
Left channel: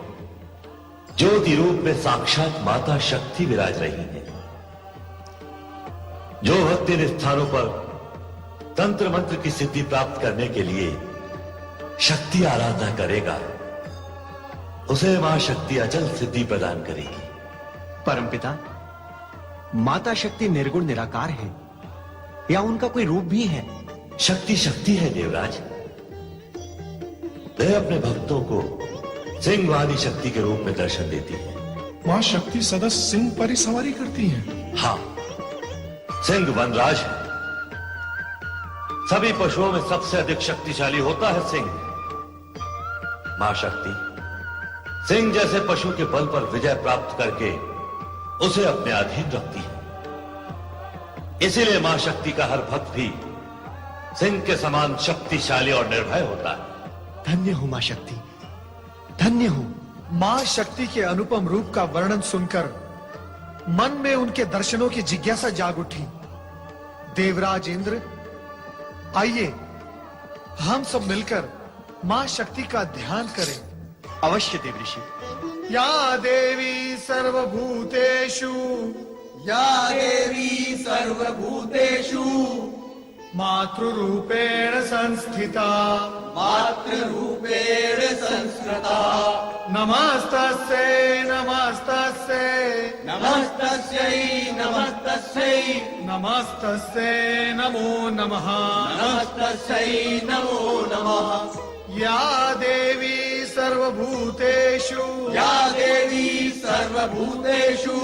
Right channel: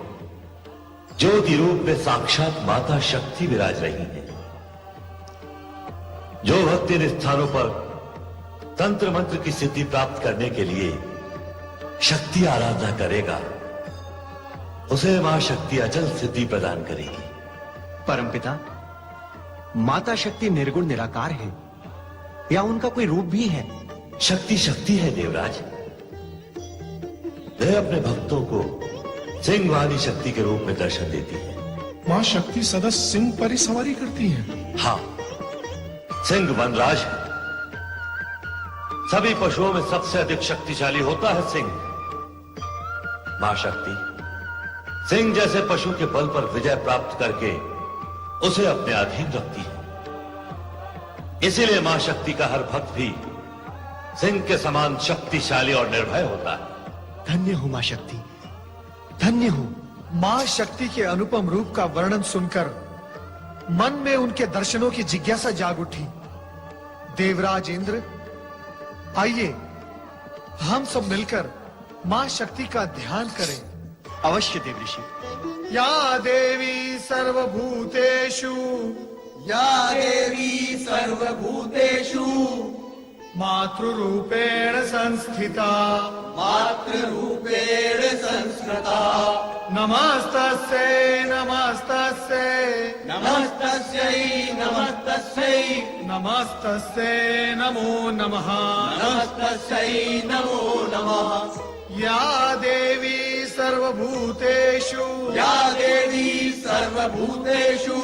ज्योति रूप में साक्षात माता शक्ति विराज रही है। जो भक्त इन स्थानों पर तंत्र मंत्र की सिद्धि प्राप्त करने के लिए शक्ति आराधना करेगा, उसे मां शक्ति अचल सिद्धि प्रदान करेगी। परमपिता, माता शक्ति निर्गुण निराकार है या उनका कोई रूप भी है? शक्ति शक्ति है देवराज। वह अपने भक्तों को सिंह वाली शक्ति के रूप में दर्शन देती है। मां शक्ति सदा सिंह पर ही सवारी करती है। हाँ, सिंह वनराज है। सभी पशुओं में सबसे अधिक शक्तिशाली होता है सिंह। मां शक्ति सिंह जैसे पशु के बल पर विजय प्राप्त करके उसे अपने अधीन रखती है। इसीलिए मां शक्ति का हर भक्त भी सिंह के समान शक्तिशाली और निर्भय होता है। धन्य हो मां शक्ति, धन्य हो। मां शक्ति के अनुपम रूप का वर्णन सुनकर मन में उनके दर्शनों की जिज्ञासा जाग उठी। देवराज इंद्र, आइए हम सब मिलकर मां शक्ति का ध्यान करें। अवश्य देवऋषि। या देवी सर्वभूतेषु, या देवी सर्वभूतेषु मातृरूपेण संस्थिता, मातृरूपेण संस्कृता। नमस्तस्यै नमस्तस्यै नमस्तस्यै नमस्तस्यै नमस्तस्यै नमो नमः। नमस्तस्यै नमो नमः। या देवी सर्वभूतेषु, या देवी सर्वभूतेषु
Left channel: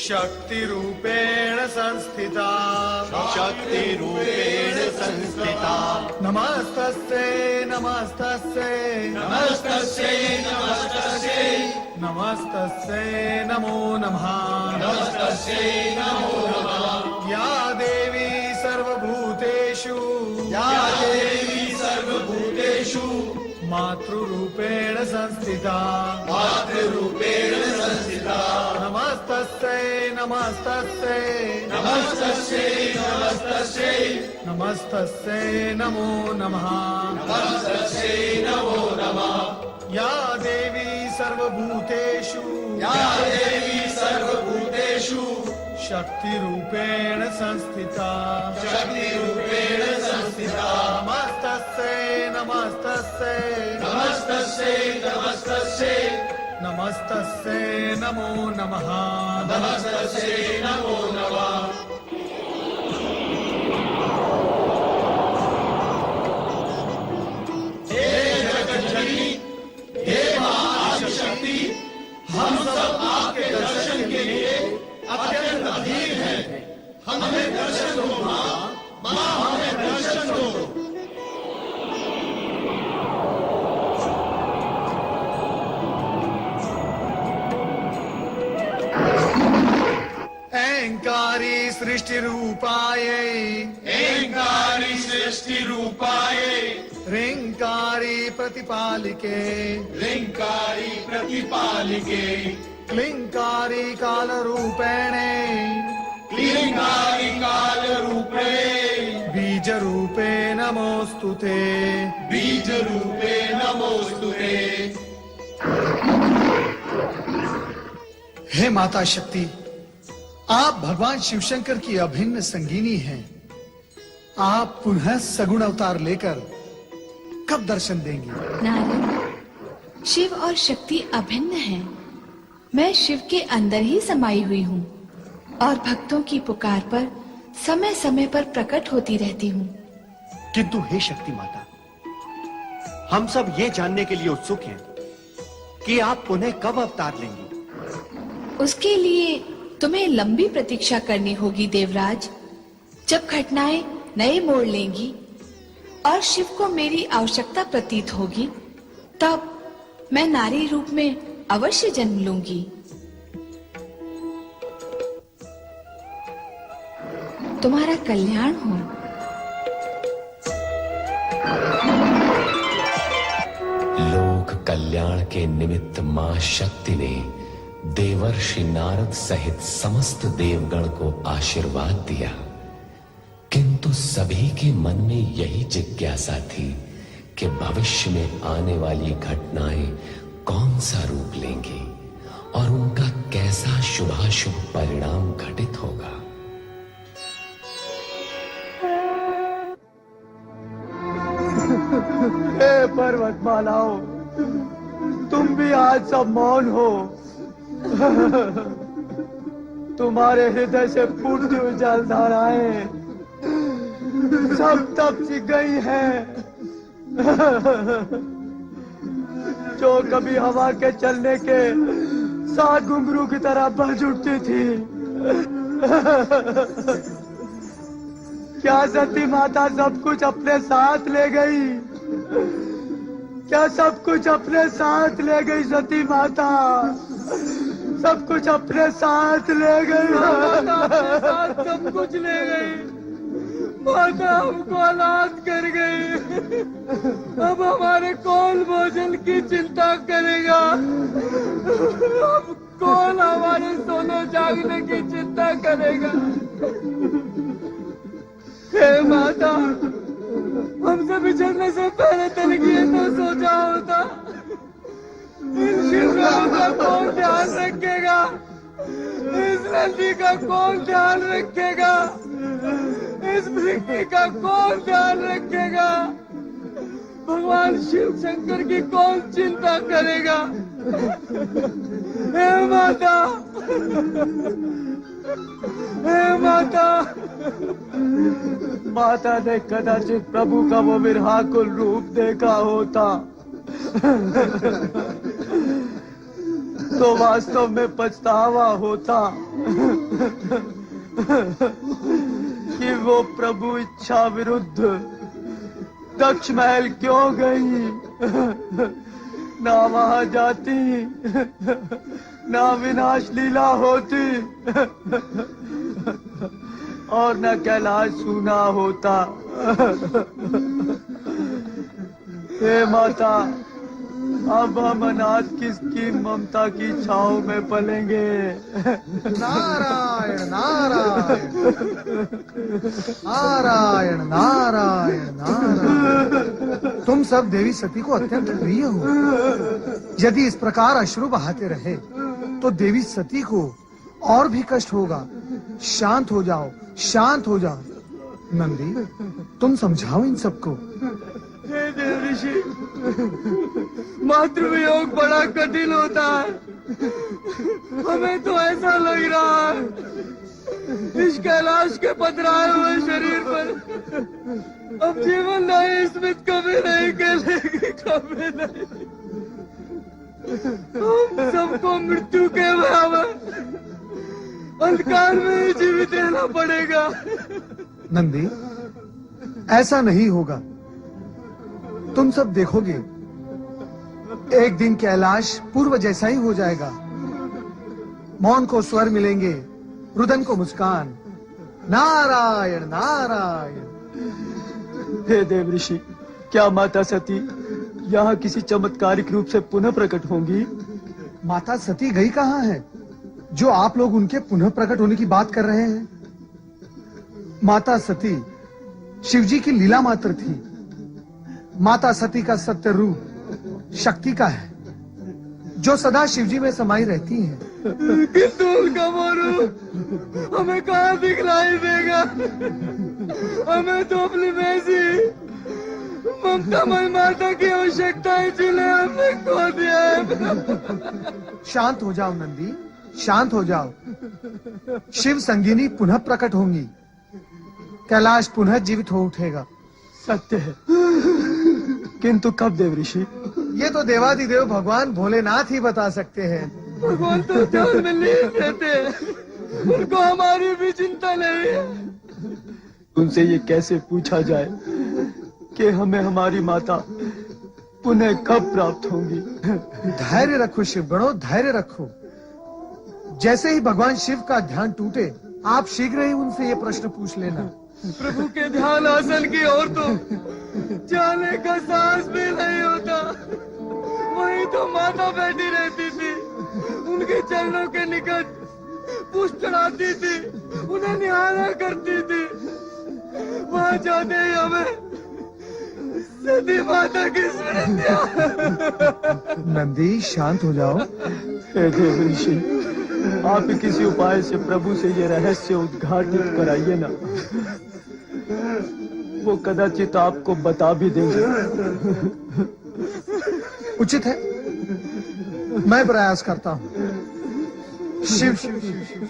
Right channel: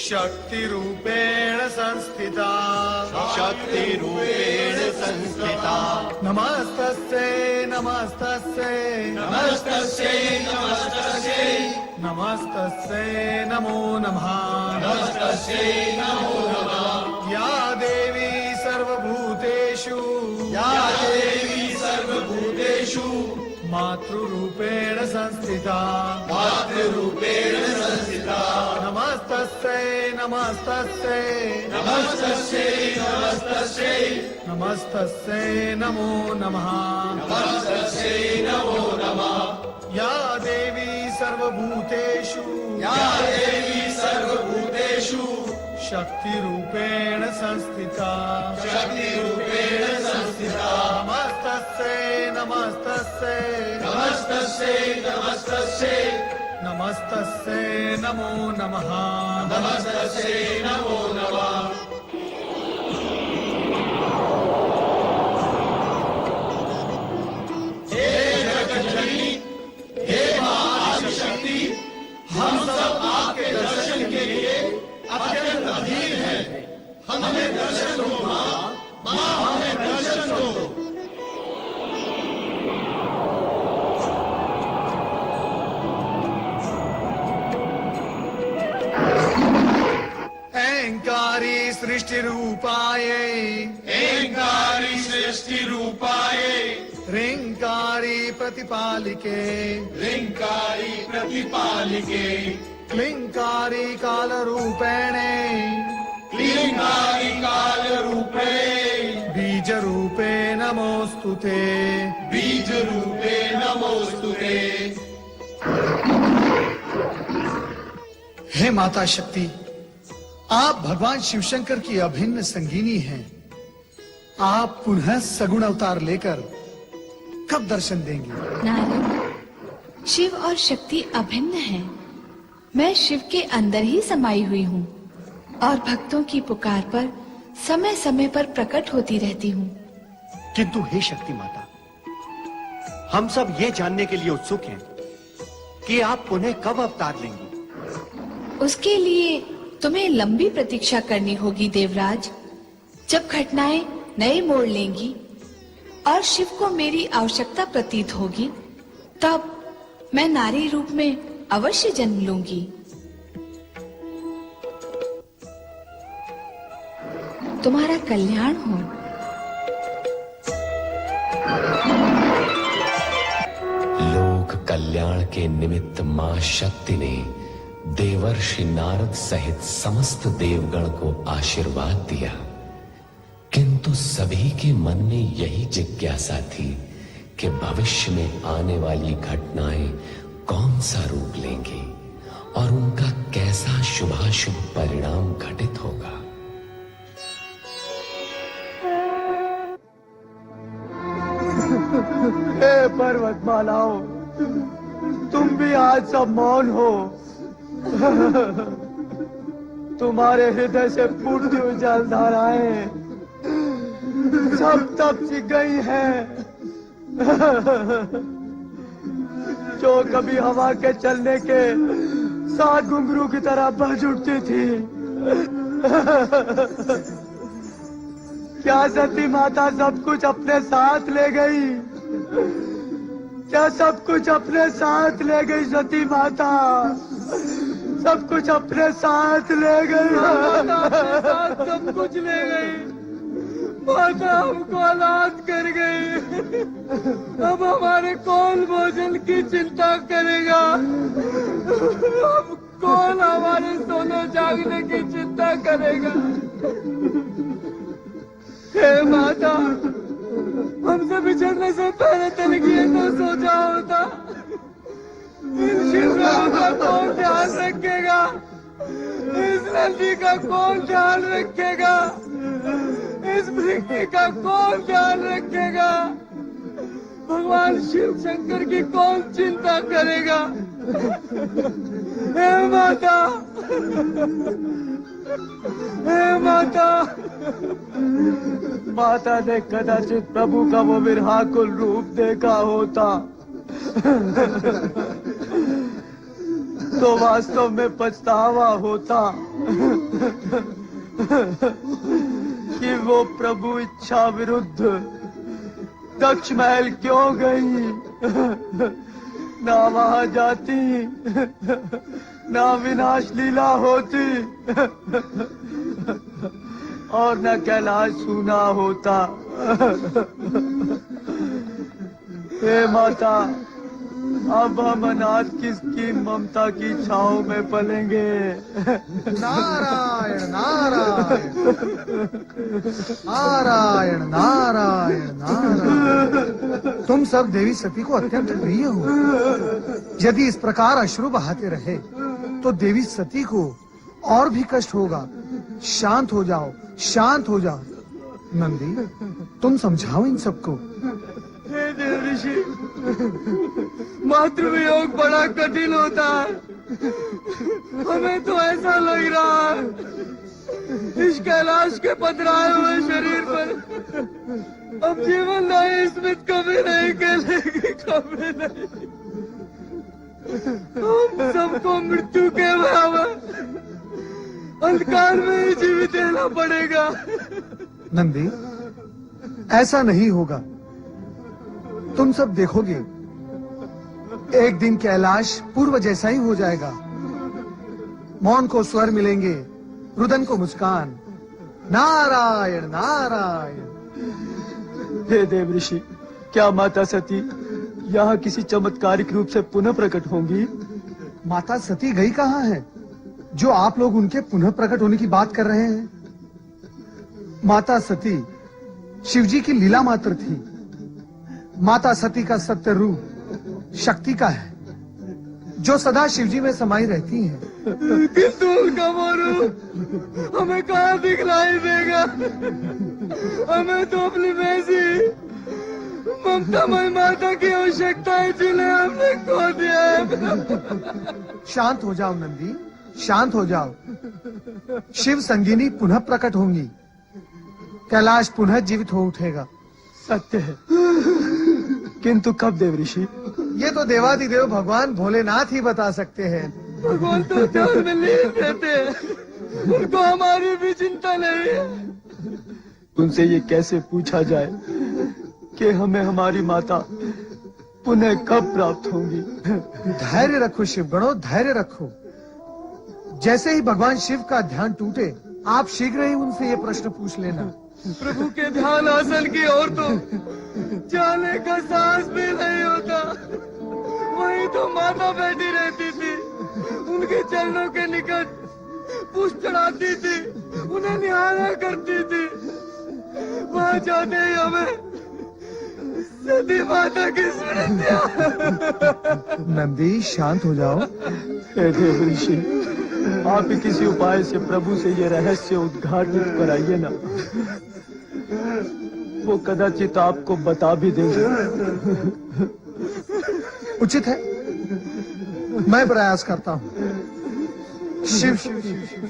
शक्तिरूपेण संस्थिता, शक्तिरूपेण संस्थिता। नमस्तस्यै नमस्तस्यै नमस्तस्यै नमस्तस्यै नमस्तस्यै नमो नमः। नमस्तस्यै नमो नमः। या देवी सर्वभूतेषु, या देवी सर्वभूतेषु मातृरूपेण संस्थिता, मातृरूपेण संस्थिता। नमस्तस्यै नमस्तस्यै नमस्तस्यै नमस्तस्यै नमस्तस्यै नमो नमः नमस्तस्यै नमो नमः या देवी सर्वभूतेषु या देवी सर्वभूतेषु शक्तिरूपेण संस्थिता शक्तिरूपेण संस्थिता नमस्तस्यै नमस्तस्यै नमस्तस्यै नमस्तस्यै नमस्तस्यै नमो नमः नमस्तस्यै नमो नमः हे जगज्जननी हे महाशक्ति हम सब आपके दर्शन के लिए अत्यंत अधीर हैं हमें दर्शन दो माँ माँ हमें दर्शन दो ऐंकारी सृष्टि रूपायै ऐंकारी सृष्टि रूपायै ह्रींकारी प्रतिपालिके ह्रींकारी प्रतिपालिके क्लींकारी काल रूपेणे क्लींकारी काल रूपे बीज रूपे नमोस्तुते बीज रूपे नमोस्तुते हे माता शक्ति, आप भगवान शिवशंकर की अभिन्न संगीनी हैं। आप पुनः सगुण अवतार लेकर कब दर्शन देंगी? नारद, शिव और शक्ति अभिन्न हैं। मैं शिव के अंदर ही समाई हुई हूँ और भक्तों की पुकार पर समय समय पर प्रकट होती रहती हूँ। किंतु हे शक्ति माता, हम सब ये जानने के लिए उत्सुक हैं कि आप पुनः कब अवतार लेंगी। उसके लिए तुम्हें लंबी प्रतीक्षा करनी होगी देवराज। जब घटनाएं नए मोड़ लेंगी और शिव को मेरी आवश्यकता प्रतीत होगी, तब मैं नारी रूप में अवश्य जन्म लूंगी। तुम्हारा कल्याण हो। लोक कल्याण के निमित्त मां शक्ति ने देवर्षि नारद सहित समस्त देवगण को आशीर्वाद दिया, किंतु सभी के मन में यही जिज्ञासा थी कि भविष्य में आने वाली घटनाएं कौन सा रूप लेंगे और उनका कैसा शुभाशुभ परिणाम घटित होगा। हे पर्वतमालाओ, तुम भी आज सब मौन हो। तुम्हारे हृदय से पूर्ण जलधाराएं सब तप सी गई हैं, जो कभी हवा के चलने के साथ घुंघरू की तरह बज उठती थी। क्या सती माता सब कुछ अपने साथ ले गई? क्या सब कुछ अपने साथ ले गई सती माता? सब कुछ अपने साथ ले गई। सब कुछ ले गई। माता हमको अनाथ कर गई। अब हमारे कौन भोजन की चिंता करेगा? अब कौन हमारे सोने जागने की चिंता करेगा? हे माता, हमसे बिछड़ने से पहले तेरे लिए तो सोचा होता। इन शिवों का कौन ध्यान रखेगा? इस नदी का कौन ध्यान रखेगा? इस वृक्ष का कौन ध्यान रखेगा? भगवान शिव शंकर की कौन चिंता करेगा? हे माता, हे माता। माता ने कदाचित प्रभु का वो विरहाकुल रूप देखा होता तो वास्तव में पछतावा होता कि वो प्रभु इच्छा विरुद्ध दक्ष महल क्यों गई। ना वहां जाती, ना विनाश लीला होती और न कैलाश सूना होता। हे माता, अब हम अनाथ किसकी ममता की छांव में पलेंगे। नारायण नारायण नारायण नारायण नारायण। तुम सब देवी सती को अत्यंत प्रिय हो। यदि इस प्रकार अश्रु बहाते रहे तो देवी सती को और भी कष्ट होगा। शांत हो जाओ, शांत हो जाओ। नंदी, तुम समझाओ इन सबको। हे देवऋषि, मातृवियोग बड़ा कठिन होता है। हमें तो ऐसा लग रहा है इस कैलाश के पथराए हुए शरीर पर अब जीवन नहीं, स्मित कभी नहीं खेलेगी, कभी नहीं। हम सबको मृत्यु के बराबर अंधकार में ही जीवित रहना पड़ेगा। नंदी, ऐसा नहीं होगा। तुम सब देखोगे एक दिन कैलाश पूर्व जैसा ही हो जाएगा। मौन को स्वर मिलेंगे, रुदन को मुस्कान। नारायण नारायण। हे देवऋषि, क्या माता सती यहाँ किसी चमत्कारिक रूप से पुनः प्रकट होंगी? माता सती गई कहाँ है जो आप लोग उनके पुनः प्रकट होने की बात कर रहे हैं? माता सती शिवजी की लीला मात्र थी। माता सती का सत्य रूप शक्ति का है जो सदा शिवजी में समाई रहती है। किंतु उनका वो रूप हमें कहाँ दिखलाई देगा? हमें तो अपनी बेसी ममतामय माता की आवश्यकता है जिन्हें हमने खो दिया है। शांत हो जाओ नंदी, शांत हो जाओ। शिव संगिनी पुनः प्रकट होंगी। कैलाश पुनः जीवित हो उठेगा। सत्य है, किंतु कब देवऋषि? ये तो देवादिदेव भगवान भोलेनाथ ही बता सकते हैं। भगवान तो ध्यान में नहीं रहते हैं, उनको हमारी भी चिंता नहीं है। तुमसे ये कैसे पूछा जाए कि हमें हमारी माता पुनः कब प्राप्त होंगी? धैर्य रखो शिवगणों, धैर्य रखो। जैसे ही भगवान शिव का ध्यान टूटे आप शीघ्र ही उनसे ये प्रश्न पूछ लेना। प्रभु के ध्यान हासिल की और तो जाने का साहस भी नहीं होता। वही तो माता बैठी रहती थी, उनके चरणों के निकट पुष्प चढ़ाती थी, उन्हें निहारा करती थी। वह जाते ही हमें सती माता की स्मृतियां। नंदी, शांत हो जाओ। हे देवऋषि, आप ही किसी उपाय से प्रभु से ये रहस्य उद्घाटित कराइए ना। वो कदाचित आपको बता भी देंगे। उचित है, मैं प्रयास करता हूँ। शिव शिव शिव शिव।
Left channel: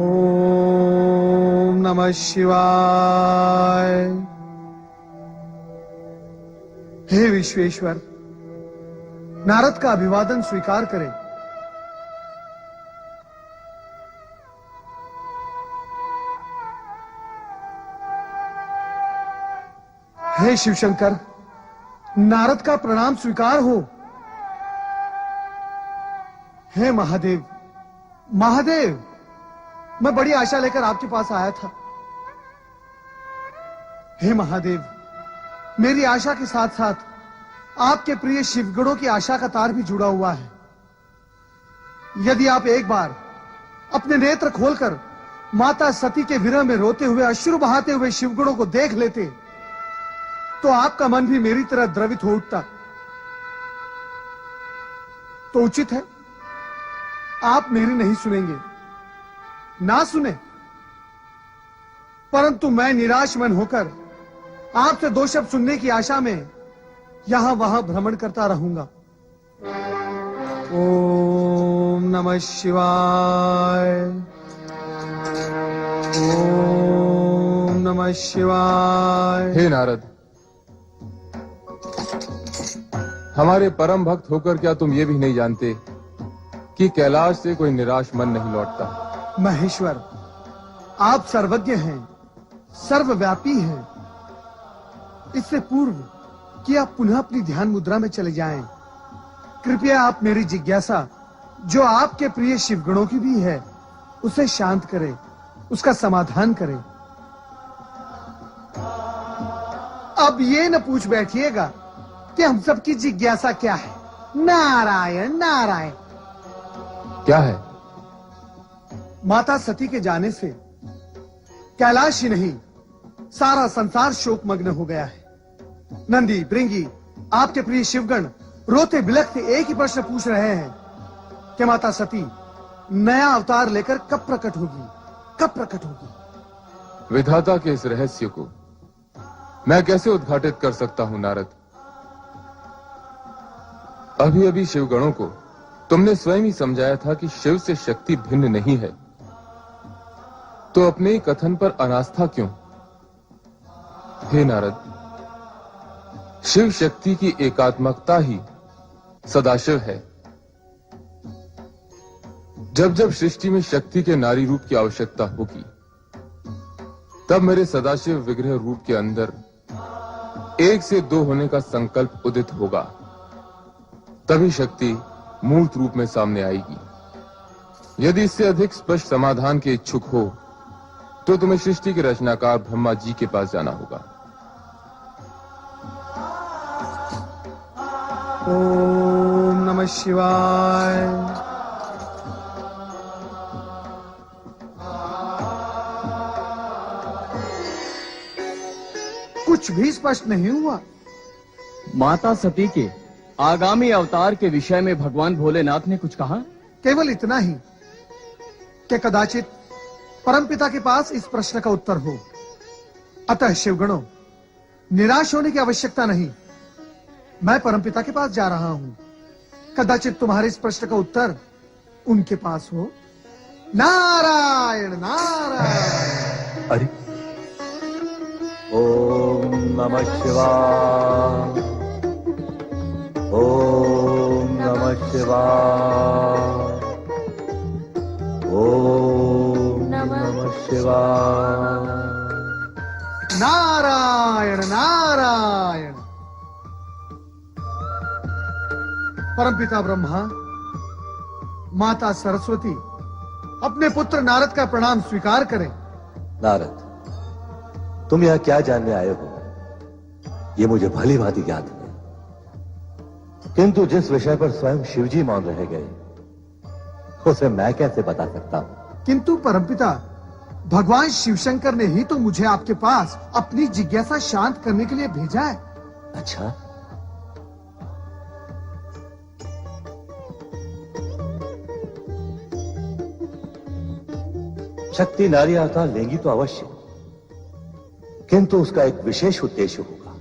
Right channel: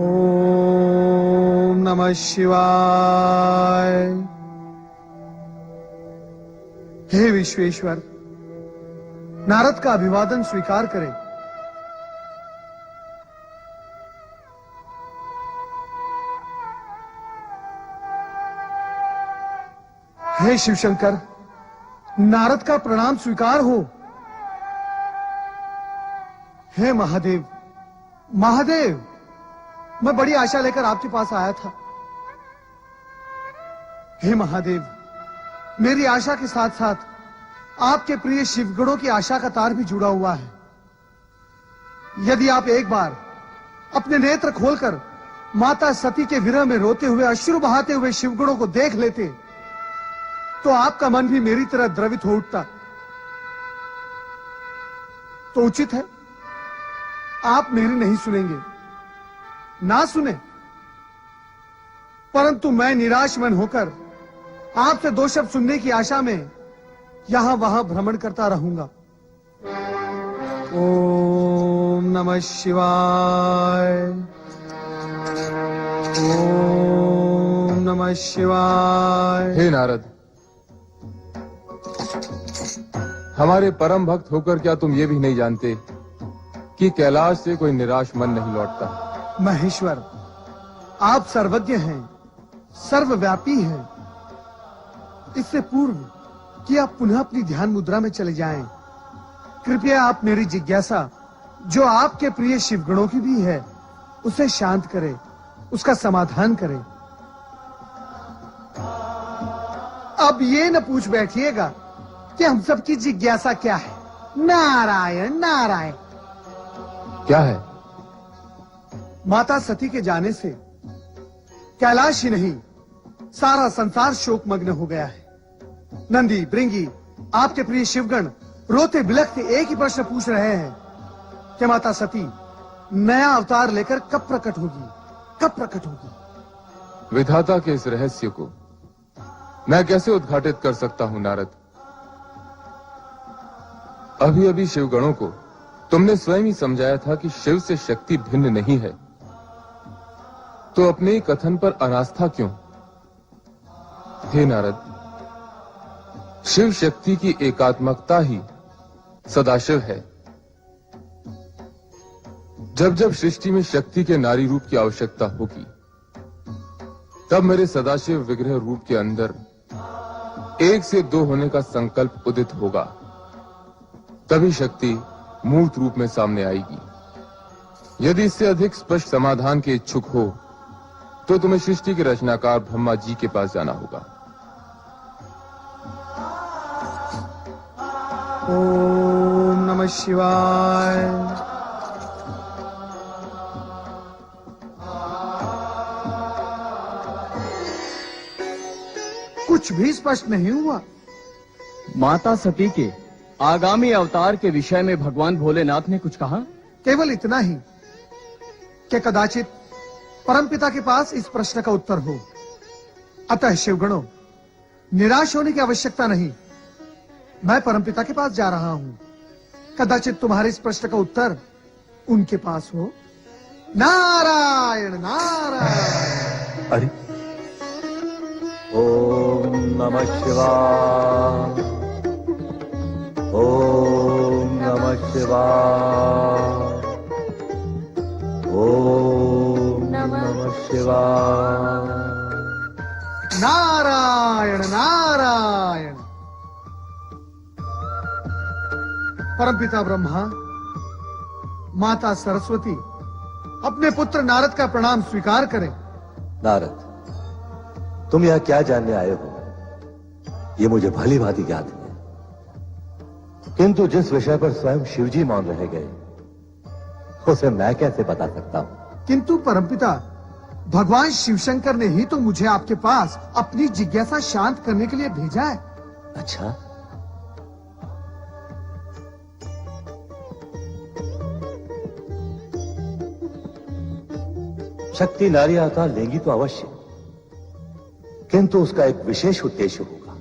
ओम नमः शिवाय। हे विश्वेश्वर, नारद का अभिवादन स्वीकार करें। हे शिवशंकर, नारद का प्रणाम स्वीकार हो। हे महादेव, महादेव, मैं बड़ी आशा लेकर आपके पास आया था। हे महादेव, मेरी आशा के साथ साथ आपके प्रिय शिवगणों की आशा का तार भी जुड़ा हुआ है। यदि आप एक बार अपने नेत्र खोलकर माता सती के विरह में रोते हुए अश्रु बहाते हुए शिवगणों को देख लेते तो आपका मन भी मेरी तरह द्रवित हो उठता। तो उचित है आप मेरी नहीं सुनेंगे, ना सुने, परंतु मैं निराश मन होकर आपसे दो शब्द सुनने की आशा में यहां वहां भ्रमण करता रहूंगा। ओम नमः शिवाय। ओम नमः शिवाय। हे नारद, हमारे परम भक्त होकर क्या तुम ये भी नहीं जानते कि कैलाश से कोई निराश मन नहीं लौटता? महेश्वर, आप सर्वज्ञ हैं, सर्वव्यापी हैं। इससे पूर्व कि आप पुनः अपनी ध्यान मुद्रा में चले जाएं, कृपया आप मेरी जिज्ञासा जो आपके प्रिय शिवगणों की भी है उसे शांत करे, उसका समाधान करे। अब ये न पूछ बैठिएगा कि हम सबकी जिज्ञासा क्या है। नारायण नारायण। क्या है? माता सती के जाने से कैलाश ही नहीं सारा संसार शोकमग्न हो गया है। नंदी भृंगी आपके प्रिय शिवगण रोते बिलखते एक ही प्रश्न पूछ रहे हैं कि माता सती नया अवतार लेकर कब प्रकट होगी, कब प्रकट होगी। विधाता के इस रहस्य को मैं कैसे उद्घाटित कर सकता हूं नारद? अभी अभी शिवगणों को तुमने स्वयं ही समझाया था कि शिव से शक्ति भिन्न नहीं है, तो अपने ही कथन पर अनास्था क्यों? हे नारद, शिव शक्ति की एकात्मकता ही सदाशिव है। जब जब सृष्टि में शक्ति के नारी रूप की आवश्यकता होगी, तब मेरे सदाशिव विग्रह रूप के अंदर 1 से 2 होने का संकल्प उदित होगा, तभी शक्ति मूर्त रूप में सामने आएगी। यदि इससे अधिक स्पष्ट समाधान के इच्छुक हो तो तुम्हें सृष्टि के रचनाकार ब्रह्मा जी के पास जाना होगा। ओम नमः शिवाय। कुछ भी स्पष्ट नहीं हुआ। माता सती के आगामी अवतार के विषय में भगवान भोलेनाथ ने कुछ कहा? केवल इतना ही कि कदाचित परमपिता के पास इस प्रश्न का उत्तर हो। अतः शिवगणों, निराश होने की आवश्यकता नहीं। मैं परमपिता के पास जा रहा हूं। कदाचित तुम्हारे इस प्रश्न का उत्तर उनके पास हो। नारायण नारायण। अरे ओम नमः शिवाय, ओम नमः शिवाय, ओम नमः शिवाय। नारायण नारायण। परमपिता ब्रह्मा, माता सरस्वती अपने पुत्र नारद का प्रणाम स्वीकार करें। नारद, तुम यहाँ क्या जानने आए हो, ये मुझे भली भांति ज्ञात है। किंतु जिस विषय पर स्वयं शिवजी मौन रह गए, उसे मैं कैसे बता सकता हूँ? किंतु परमपिता, भगवान शिवशंकर ने ही तो मुझे आपके पास अपनी जिज्ञासा शांत करने के लिए भेजा है। अच्छा, शक्ति नारी अवतार लेंगी तो अवश्य, किंतु उसका एक विशेष उद्देश्य होगा।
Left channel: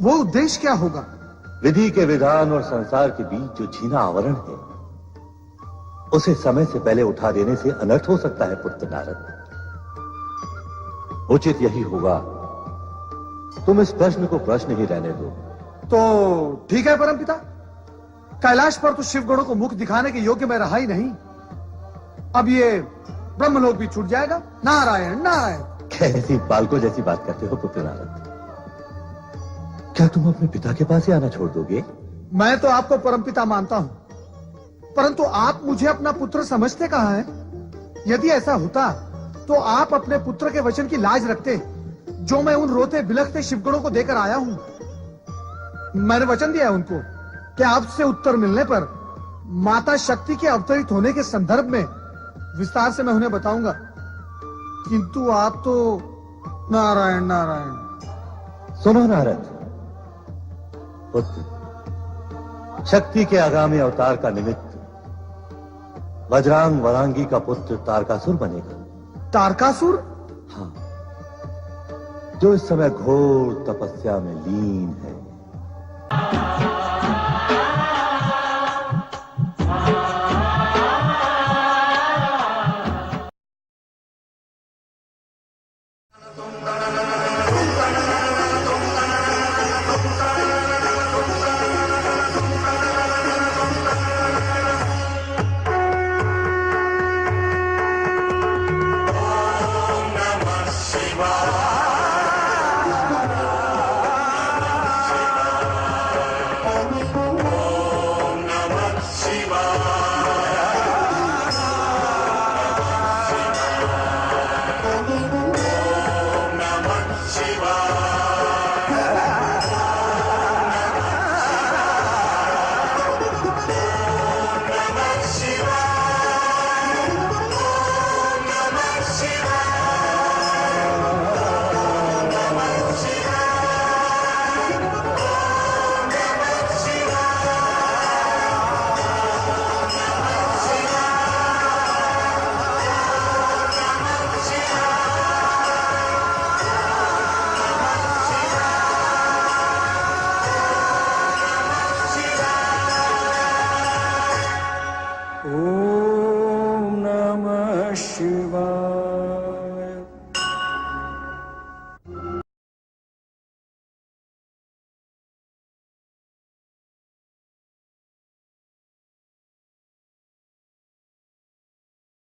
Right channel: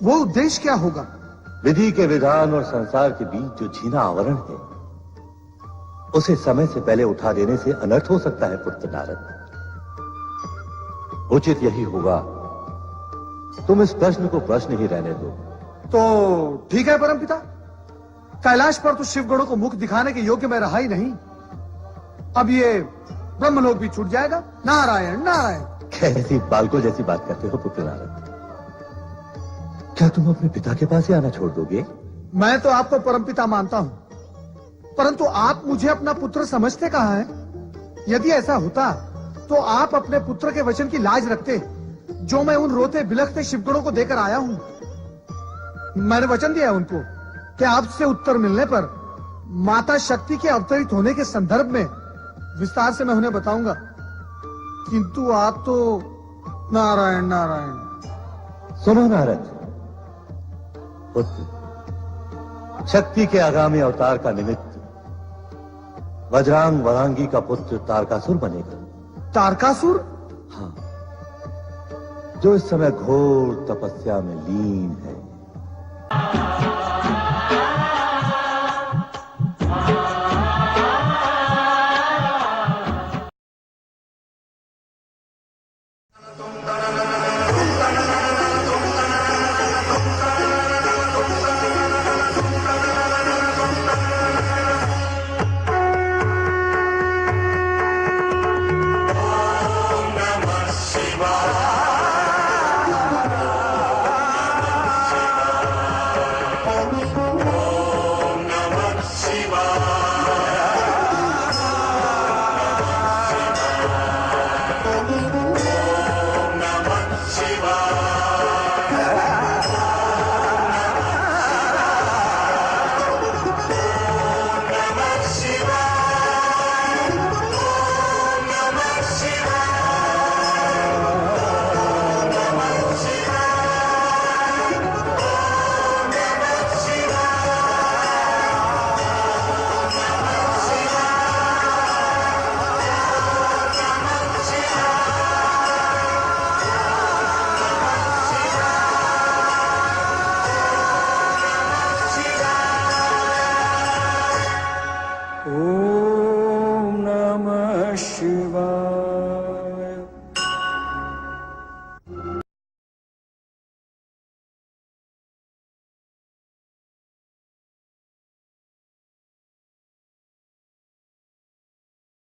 वो उद्देश्य क्या होगा? विधि के विधान और संसार के बीच जो छीना आवरण है, उसे समय से पहले उठा देने से अनर्थ हो सकता है पुत्र नारद। उचित यही होगा तुम इस प्रश्न को प्रश्न ही रहने दो। तो ठीक है परमपिता, कैलाश पर तो शिवगणों को मुख दिखाने के योग्य मैं रहा ही नहीं। अब ये ब्रह्मलोक भी छूट जाएगा। नारायण नारायण। कैसी बालकों जैसी बात करते हो पुत्र नारद? क्या तुम अपने पिता के पास ही आना छोड़ दोगे? मैं तो आपको परमपिता मानता हूं, परंतु आप मुझे अपना पुत्र समझते कहाँ है? यदि ऐसा होता तो आप अपने पुत्र के वचन की लाज रखते, जो मैं उन रोते बिलखते शिवगणों को देकर आया हूं। मैंने वचन दिया उनको कि आपसे उत्तर मिलने पर माता शक्ति के अवतरित होने के संदर्भ में विस्तार से मैं उन्हें बताऊंगा, किंतु आप तो नारायण नारायण। सुनो नारद पुत्र, शक्ति के आगामी अवतार का निमित्त वज्रांग वरांगी का पुत्र तारकासुर बनेगा। तारकासुर? हाँ, जो इस समय घोर तपस्या में लीन है।